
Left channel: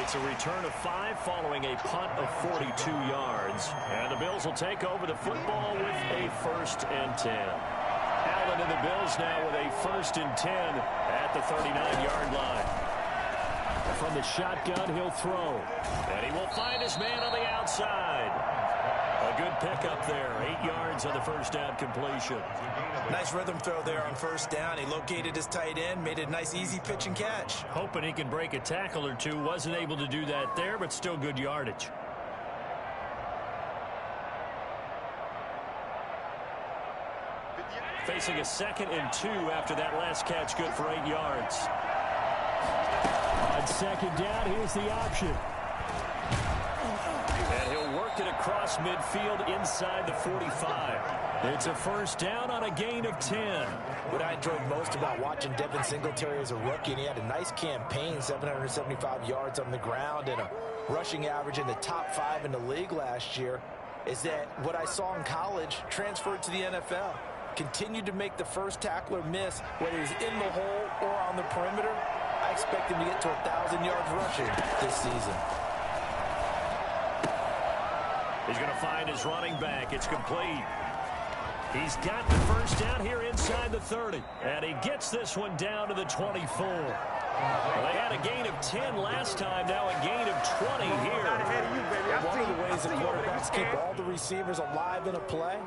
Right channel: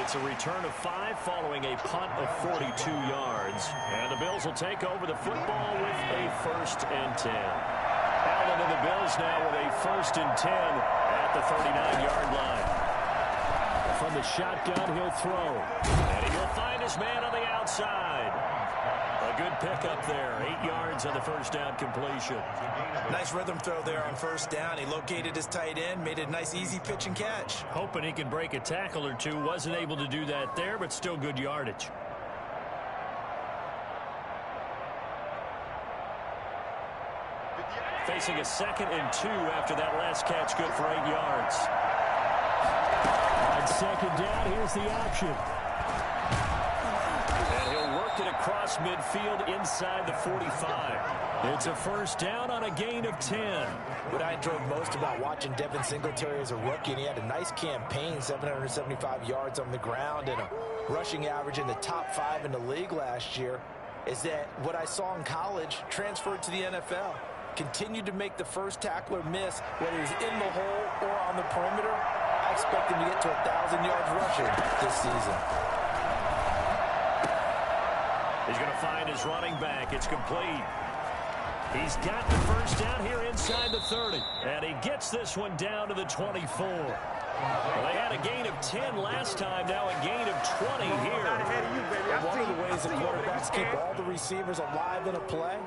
It's a return of 5 following a punt of 42 yards. And the Bills will take over the football with a 1st and 10. Allen and the Bills now with a 1st and 10 at the 39-yard line. From the shotgun, he'll throw. And he will find his man on the outside. A good pickup there. 8 yards on the first down completion. Nice rhythm throw there on 1st down. He located his tight end, made it a nice easy pitch and catch. Hoping he can break a tackle or two. Wasn't able to do that there, but still good yardage. Facing a 2nd and 2 after that last catch, good for 8 yards. On 2nd down, here's the option. And he'll work it across midfield inside the 45. It's a 1st down on a gain of 10. What I enjoyed most about watching Devin Singletary as a rookie, and he had a nice campaign, 775 yards on the ground and a rushing average in the top 5 in the league last year, is that what I saw in college transferred to the NFL. Continued to make the first tackler miss, whether he's in the hole or on the perimeter. I expect him to get to 1,000 yards rushing this season. He's going to find his running back. It's complete. He's got the 1st down here inside the 30. And he gets this one down to the 24. Well, they had a gain of 10 last time, now a gain of 20 here. One of the ways the quarterbacks keep all the receivers alive in a play,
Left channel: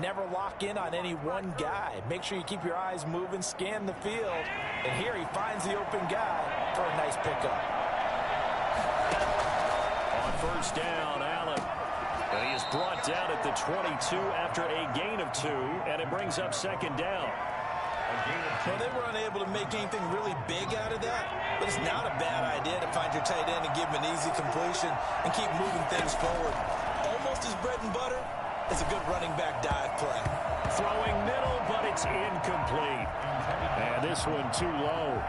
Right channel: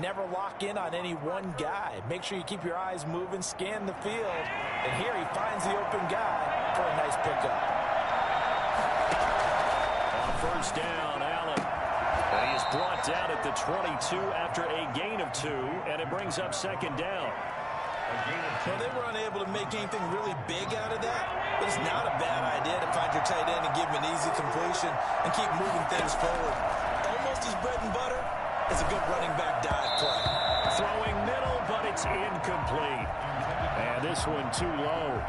never lock in on any one guy. Make sure you keep your eyes moving, scan the field, and here he finds the open guy for a nice pickup. On 1st down, Allen. And he is brought down at the 22 after a gain of 2, and it brings up 2nd down. Well, they were unable to make anything really big out of that, but it's not a bad idea to find your tight end and give him an easy completion and keep moving things forward. Almost his bread and butter. It's a good running back dive play. Throwing middle, but it's incomplete. And this one too low.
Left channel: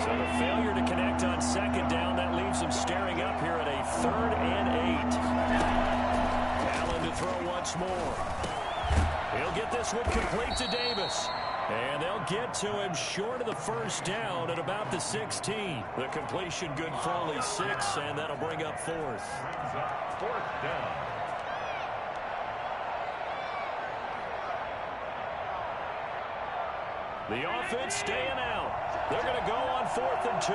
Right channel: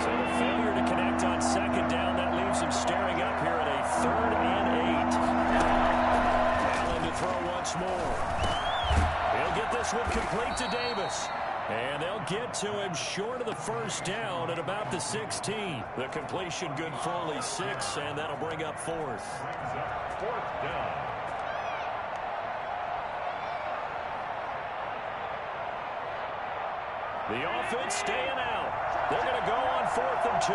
So the failure to connect on 2nd down, that leaves him staring up here at a 3rd and 8. Allen to throw once more. He'll get this one complete to Davis. And they'll get to him short of the 1st down at about the 16. The completion good for only 6, and that'll bring up 4th. 4th down. The offense staying out. They're going to go on 4th and 2.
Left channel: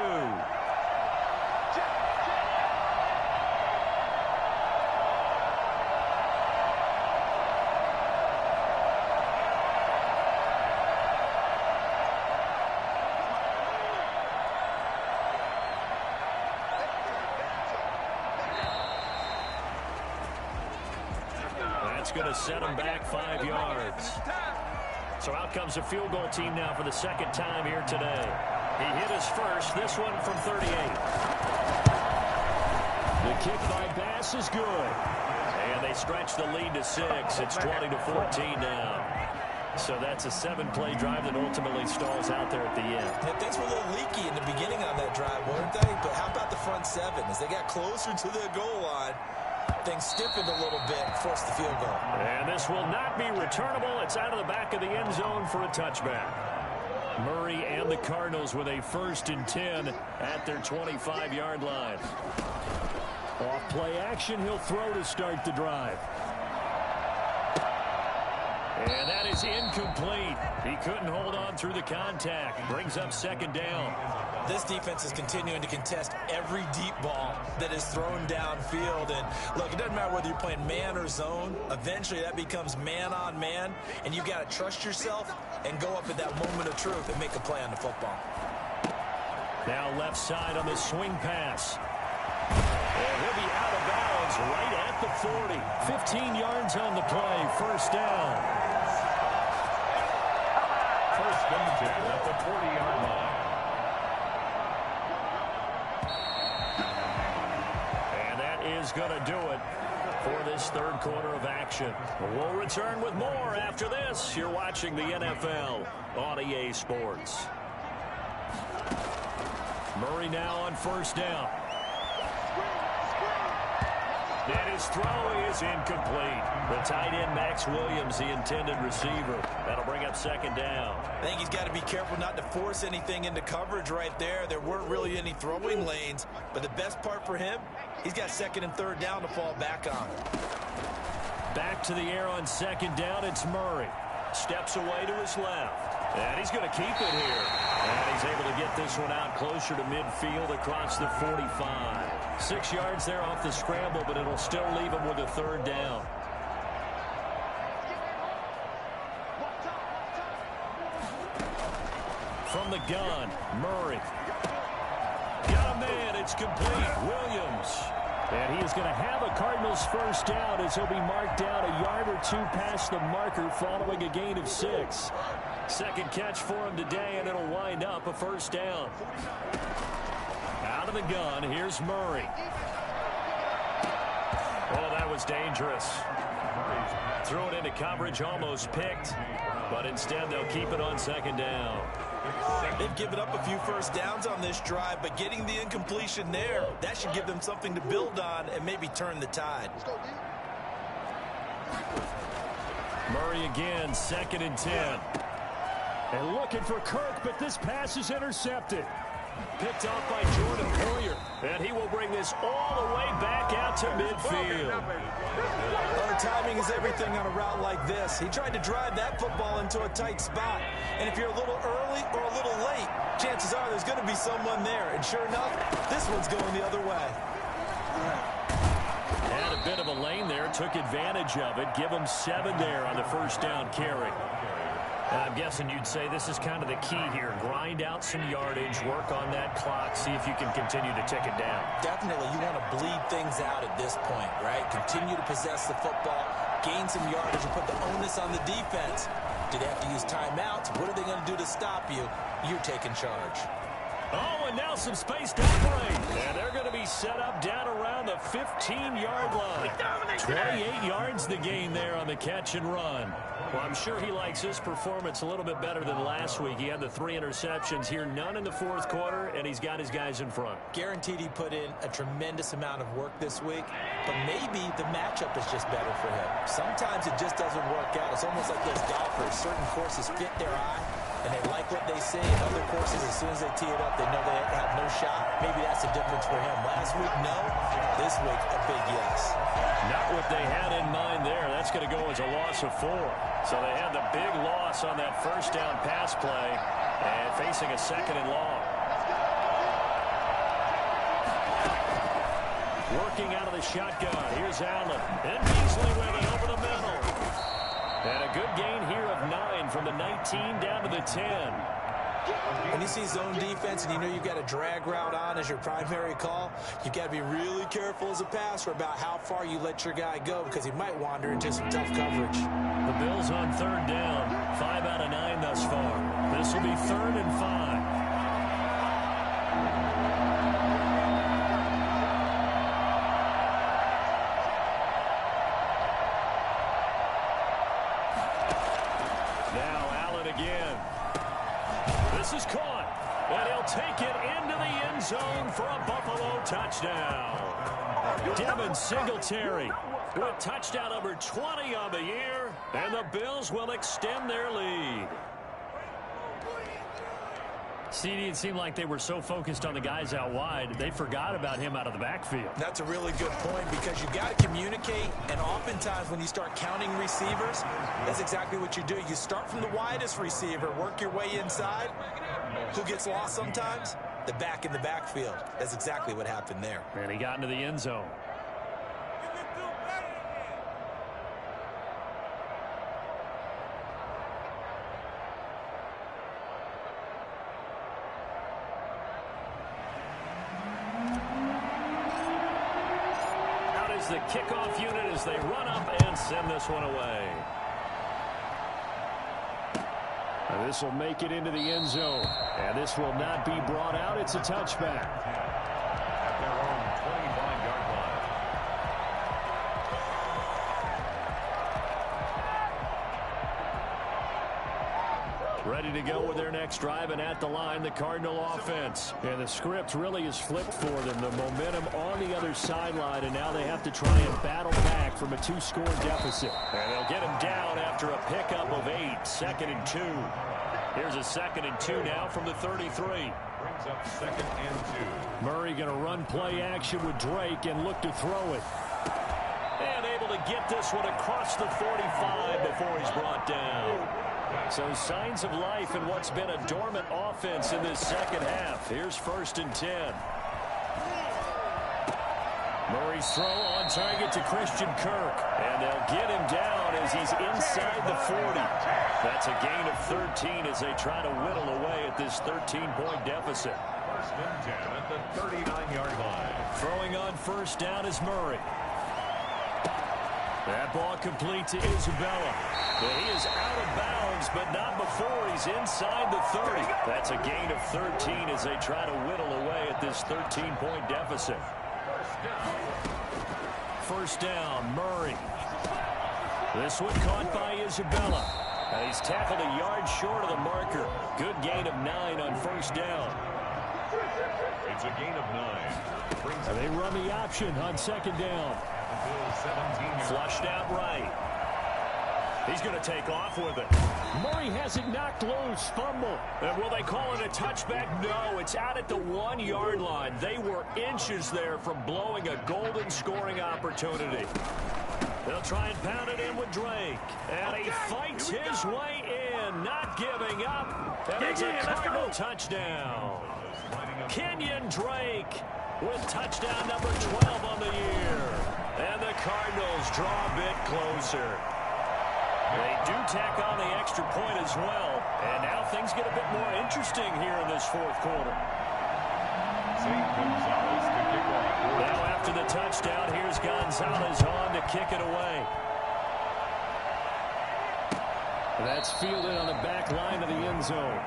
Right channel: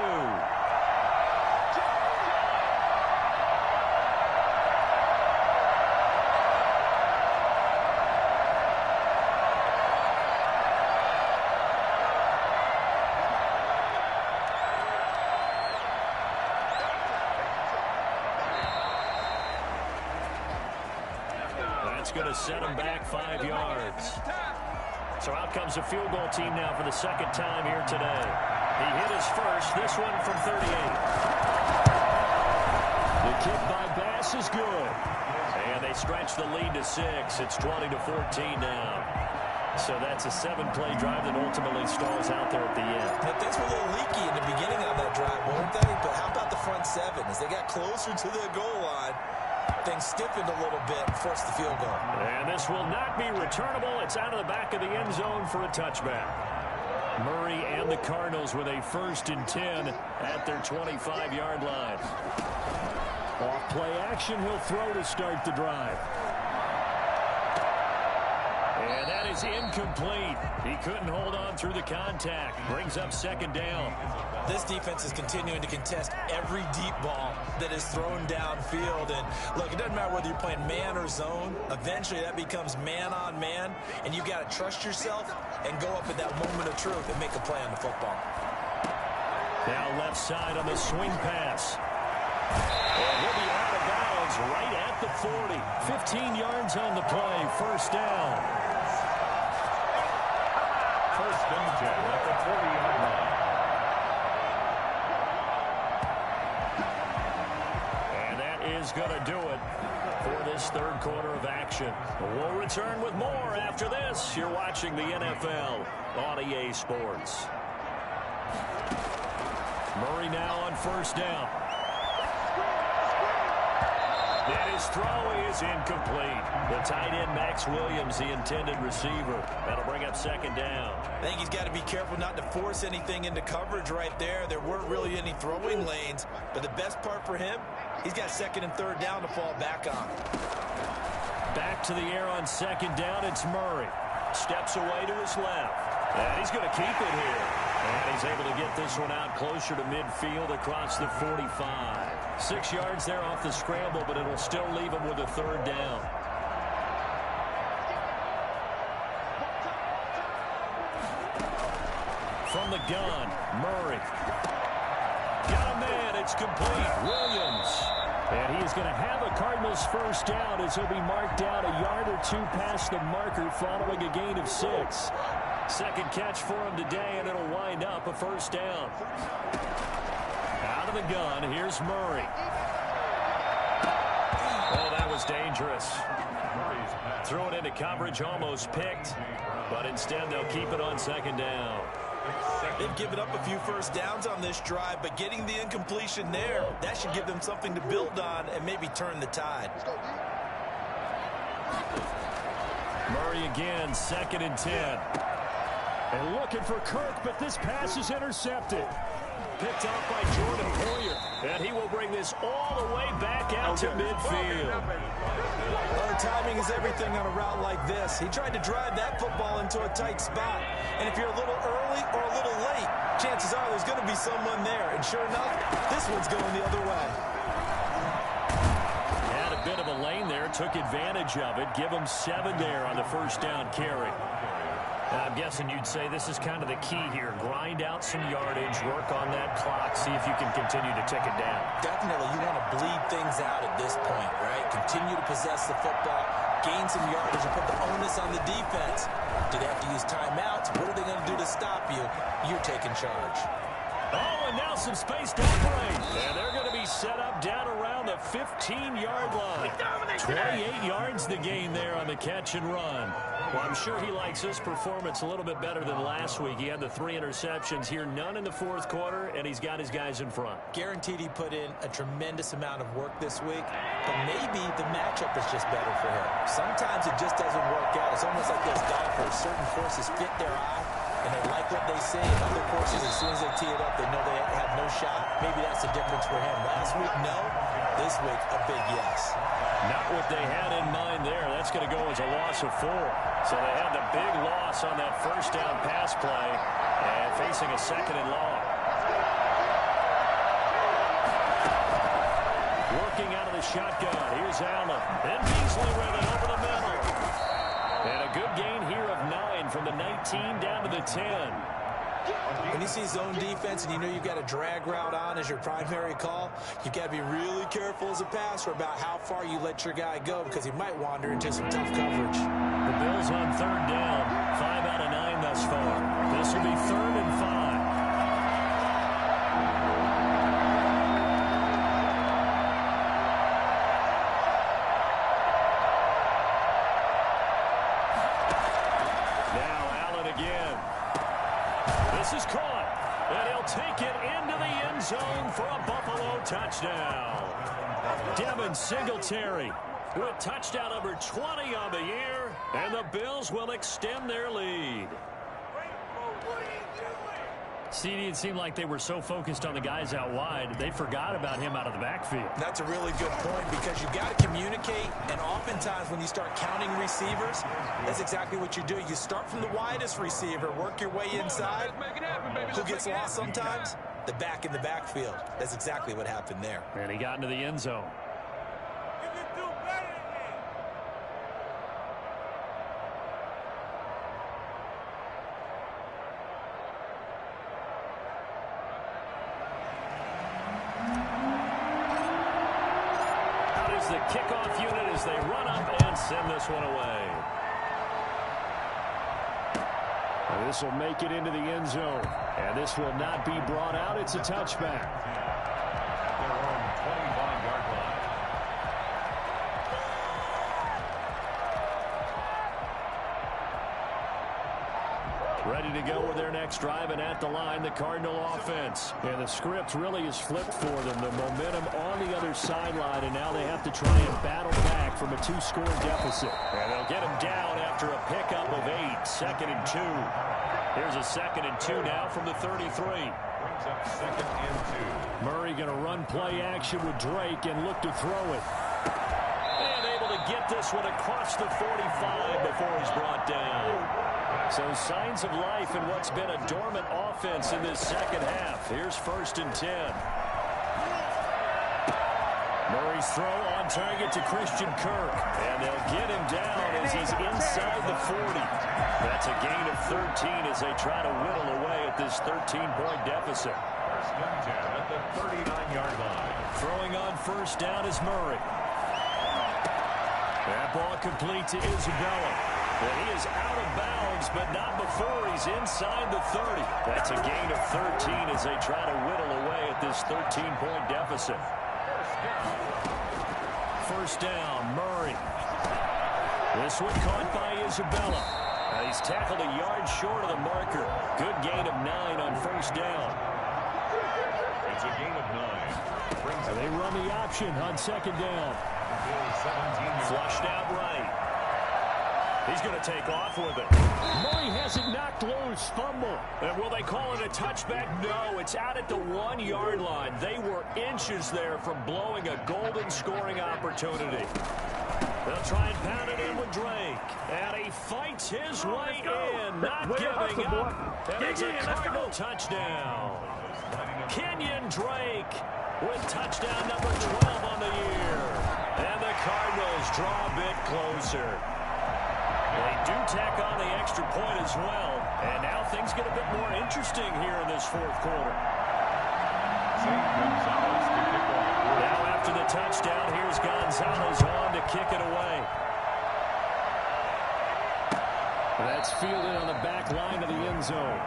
That's going to set him back 5 yards. So out comes a field goal team now for the 2nd time here today. He hit his first, this one from 38. The kick by Bass is good. And they stretch the lead to 6. It's 20-14 now. So that's a 7-play drive that ultimately stalls out there at the end. Now, things were a little leaky in the beginning of that drive, weren't they? But how about the front 7? As they got closer to the goal line, things stiffened a little bit and forced the field goal. And this will not be returnable. It's out of the back of the end zone for a touchback. Murray and the Cardinals with a 1st and 10 at their 25-yard line. Off play action, he'll throw to start the drive. And that is incomplete. He couldn't hold on through the contact. Brings up 2nd down. This defense is continuing to contest every deep ball that is thrown downfield. And look, it doesn't matter whether you're playing man or zone. Eventually that becomes man on man. And you got to trust yourself and go up at that moment of truth and make a play on the football. Now left side on the swing pass. And he'll be out of bounds right at the 40. 15 yards on the play. 1st down. First and 10 at the 40-yard line. And that is going to do it for this third quarter of action. We'll return with more after this. You're watching the NFL on EA Sports. Murray now on first down. And his throw is incomplete. The tight end, Max Williams, the intended receiver. That'll bring up second down. I think he's got to be careful not to force anything into coverage right there. There weren't really any throwing lanes. But the best part for him, he's got second and third down to fall back on. Back to the air on second down. It's Murray. Steps away to his left. And he's going to keep it here. And he's able to get this one out closer to midfield across the 45. 6 yards there off the scramble, but it'll still leave him with a third down. From the gun, Murray. Got a man. It's complete. Williams. And he is going to have a Cardinals first down as he'll be marked down a yard or two past the marker following a gain of 6. Second catch for him today, and it'll wind up a first down. Out of the gun, here's Murray. Oh, that was dangerous. Threw it into coverage, almost picked, but instead they'll keep it on second down. They've given up a few first downs on this drive, but getting the incompletion there, that should give them something to build on and maybe turn the tide. Murray again, second and 10. And looking for Kirk, but this pass is intercepted. Picked off by Jordan Poyer. And he will bring this all the way back out to midfield. Well, timing is everything on a route like this. He tried to drive that football into a tight spot. And if you're a little early or a little late, chances are there's going to be someone there. And sure enough, this one's going the other way. Had a bit of a lane there, took advantage of it. Give him 7 there on the first down carry. And I'm guessing you'd say this is kind of the key here. Grind out some yardage, work on that clock, see if you can continue to tick it down. Definitely, you want to bleed things out at this point, right? Continue to possess the football, gain some yardage, and put the onus on the defense. Do they have to use timeouts? What are they going to do to stop you? You're taking charge. Oh, and now some space to operate. And they're going to be set up down around the 15-yard line. 28 yards the gain there on the catch and run. Well, I'm sure he likes his performance a little bit better than last week. He had the 3 interceptions here, none in the fourth quarter, and he's got his guys in front. Guaranteed he put in a tremendous amount of work this week, but maybe the matchup is just better for him. Sometimes it just doesn't work out. It's almost like those golfers. Certain courses fit their eye, and they like what they see. And other courses, as soon as they tee it up, they know they have no shot. Maybe that's the difference for him. Last week, no. This week, a big yes. Not what they had in mind there. That's going to go as a loss of 4. So they had the big loss on that first down pass play and facing a second and long. Working out of the shotgun. Here's Allen. And Beasley with it over the middle. And a good gain here of 9 from the 19 down to the 10. When you see zone defense and you know you've got a drag route on as your primary call, you've got to be really careful as a passer about how far you let your guy go because he might wander into some tough coverage. The Bills on third down. 5 out of 9 thus far. This will be 3rd and 5. This is caught, and he'll take it into the end zone for a Buffalo touchdown. Devin Singletary with touchdown number 20 on the year, and the Bills will extend their lead. CD, it seemed like they were so focused on the guys out wide, they forgot about him out of the backfield. That's a really good point because you've got to communicate, and oftentimes when you start counting receivers, that's exactly what you do. You start from the widest receiver, work your way inside. Who gets lost sometimes? The back in the backfield. That's exactly what happened there. And he got into the end zone. The kickoff unit as they run up and send this one away. This will make it into the end zone. And this will not be brought out. It's a touchback. At their own 25-yard line. Ready to go with their next drive, and at the line, the Cardinal offense. And the script really is flipped for them. The momentum on the other sideline, and now they have to try and battle back from a 2-score deficit. And they'll get him down after a pickup of 8, 2nd and 2. Here's a 2nd and 2 now from the 33. Brings up 2nd and 2. Murray going to run play action with Drake and look to throw it. And able to get this one across the 45 before he's brought down. So signs of life in what's been a dormant offense in this second half. Here's 1st and 10. Murray's throw on target to Christian Kirk. And they'll get him down as he's inside the 40. That's a gain of 13 as they try to whittle away at this 13-point deficit. 1st and 10 at the 39-yard line. Throwing on 1st down is Murray. That ball complete to Isabella. And he is out of bounds, but not before he's inside the 30. That's a gain of 13 as they try to whittle away at this 13-point deficit. 1st down, Murray. This one caught by Isabella. Now he's tackled a yard short of the marker. Good gain of 9 on 1st down. It's a gain of 9. And they run the option on 2nd down. Flushed out right. He's going to take off with it. Murray has it knocked loose. Fumble. And will they call it a touchback? No, it's out at the 1-yard line. They were inches there from blowing a golden scoring opportunity. They'll try and pound it in with Drake. And he fights his way in, not giving up. And it's a Cardinal touchdown. Kenyon Drake with touchdown number 12 on the year. And the Cardinals draw a bit closer. They do tack on the extra point as well. And now things get a bit more interesting here in this 4th quarter. St. Gonzalez to kick off. Now after the touchdown, here's Gonzalez on to kick it away. That's fielded on the back line of the end zone.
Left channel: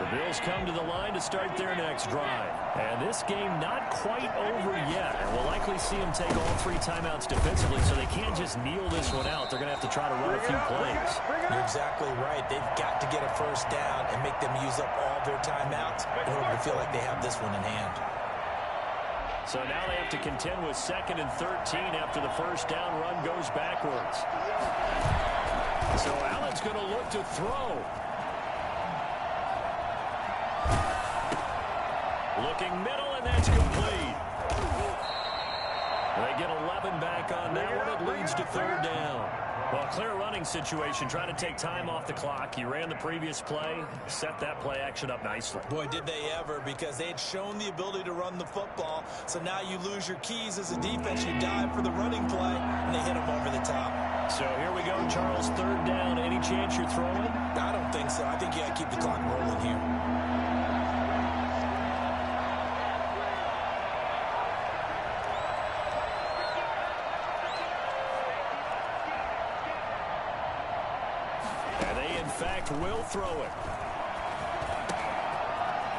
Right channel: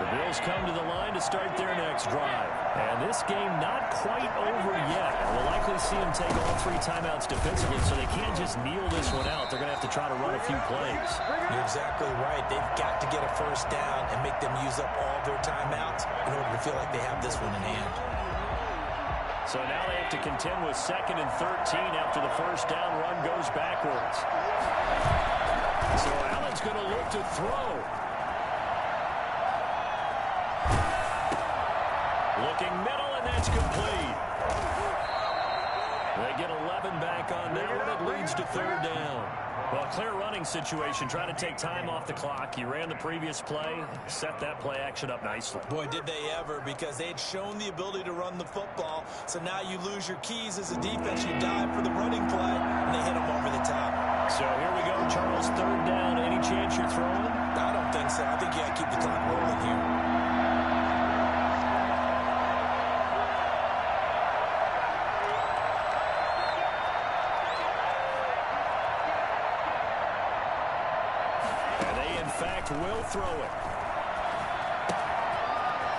The Bills come to the line to start their next drive. And this game not quite over yet. And we'll likely see them take all 3 timeouts defensively, so they can't just kneel this one out. They're going to have to try to run a few plays. You're exactly right. They've got to get a 1st down and make them use up all their timeouts in order to feel like they have this one in hand. So now they have to contend with 2nd and 13 after the 1st down run goes backwards. So Allen's going to look to throw. Looking middle, and that's complete. They get 11 back on that one. It leads to 3rd down. Well, clear running situation. Trying to take time off the clock. He ran the previous play, set that play action up nicely. Boy, did they ever, because they had shown the ability to run the football. So now you lose your keys as a defense. You dive for the running play, and they hit them over the top. So here we go, Charles. 3rd down. Any chance you're throwing? I don't think so. I think you got to keep the clock rolling here. Will throw it.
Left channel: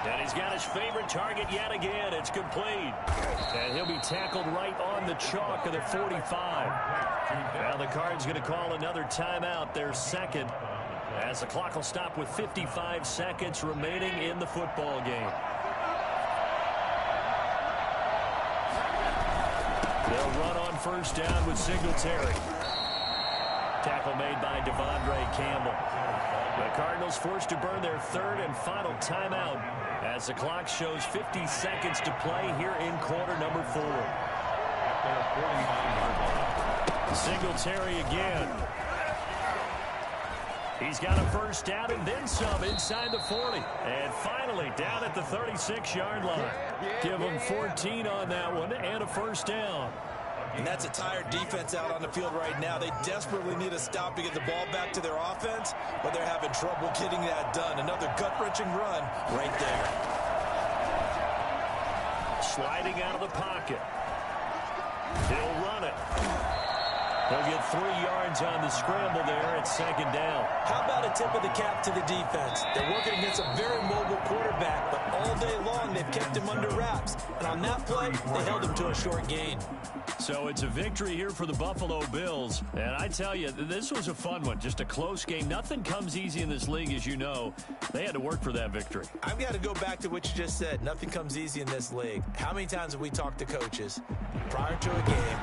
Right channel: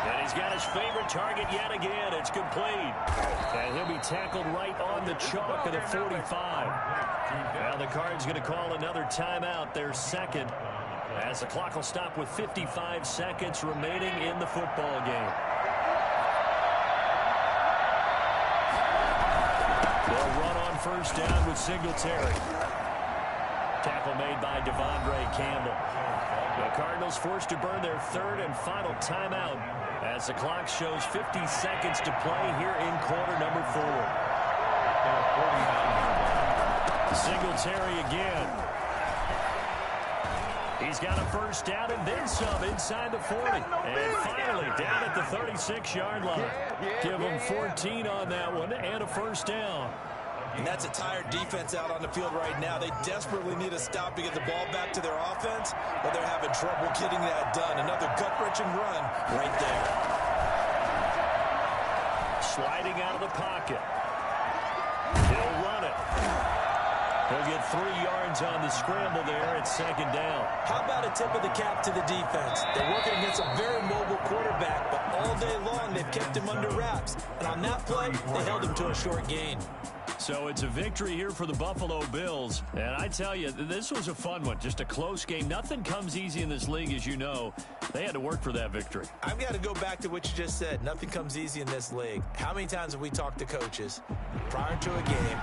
And he's got his favorite target yet again. It's complete. And he'll be tackled right on the chalk of the 45. Now the Cards going to call another timeout, their 2nd, as the clock will stop with 55 seconds remaining in the football game. They'll run on 1st down with Singletary. Tackle made by Devondre Campbell. The Cardinals forced to burn their 3rd and final timeout as the clock shows 50 seconds to play here in quarter number 4. At their 49-yard line. Singletary again. He's got a 1st down and then some inside the 40. And finally down at the 36-yard line. Give them 14 on that one and a 1st down. And that's a tired defense out on the field right now. They desperately need a stop to get the ball back to their offense, but they're having trouble getting that done. Another gut-wrenching run right there. Sliding out of the pocket. He'll run it. He'll get 3 yards on the scramble there at second down. How about a tip of the cap to the defense? They're working against a very mobile quarterback, but all day long they've kept him under wraps. And on that play, they held him to a short gain. So it's a victory here for the Buffalo Bills. And I tell you, this was a fun one. Just a close game. Nothing comes easy in this league, as you know. They had to work for that victory. I've got to go back to what you just said. Nothing comes easy in this league. How many times have we talked to coaches prior to a game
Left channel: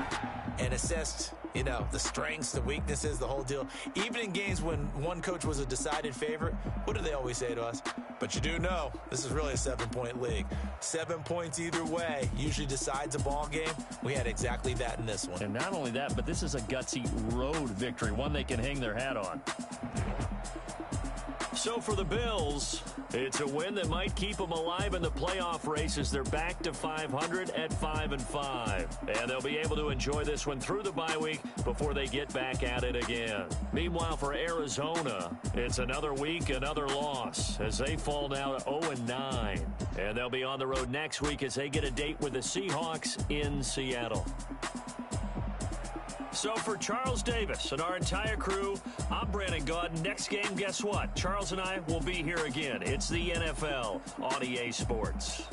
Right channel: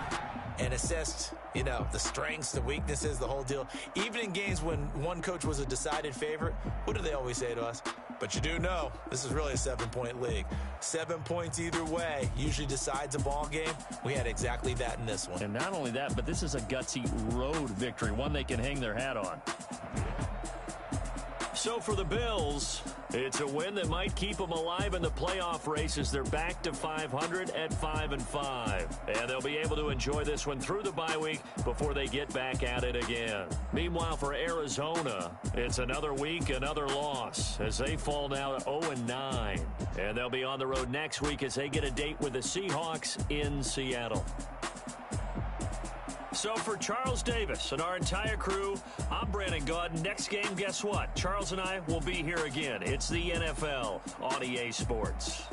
and assessed, you know, the strengths, the weaknesses, the whole deal? Even in games when one coach was a decided favorite, what do they always say to us? But you do know this is really a 7-point league. 7 points either way usually decides a ball game. We had exactly that in this one. And not only that, but this is a gutsy road victory, one they can hang their hat on. So for the Bills, it's a win that might keep them alive in the playoff race as they're back to 500 at 5-5. And they'll be able to enjoy this one through the bye week before they get back at it again. Meanwhile, for Arizona, it's another week, another loss as they fall now to 0-9. And they'll be on the road next week as they get a date with the Seahawks in Seattle. So for Charles Davis and our entire crew, I'm Brandon Gaudin. Next game, guess what? Charles and I will be here again. It's the NFL on EA Sports.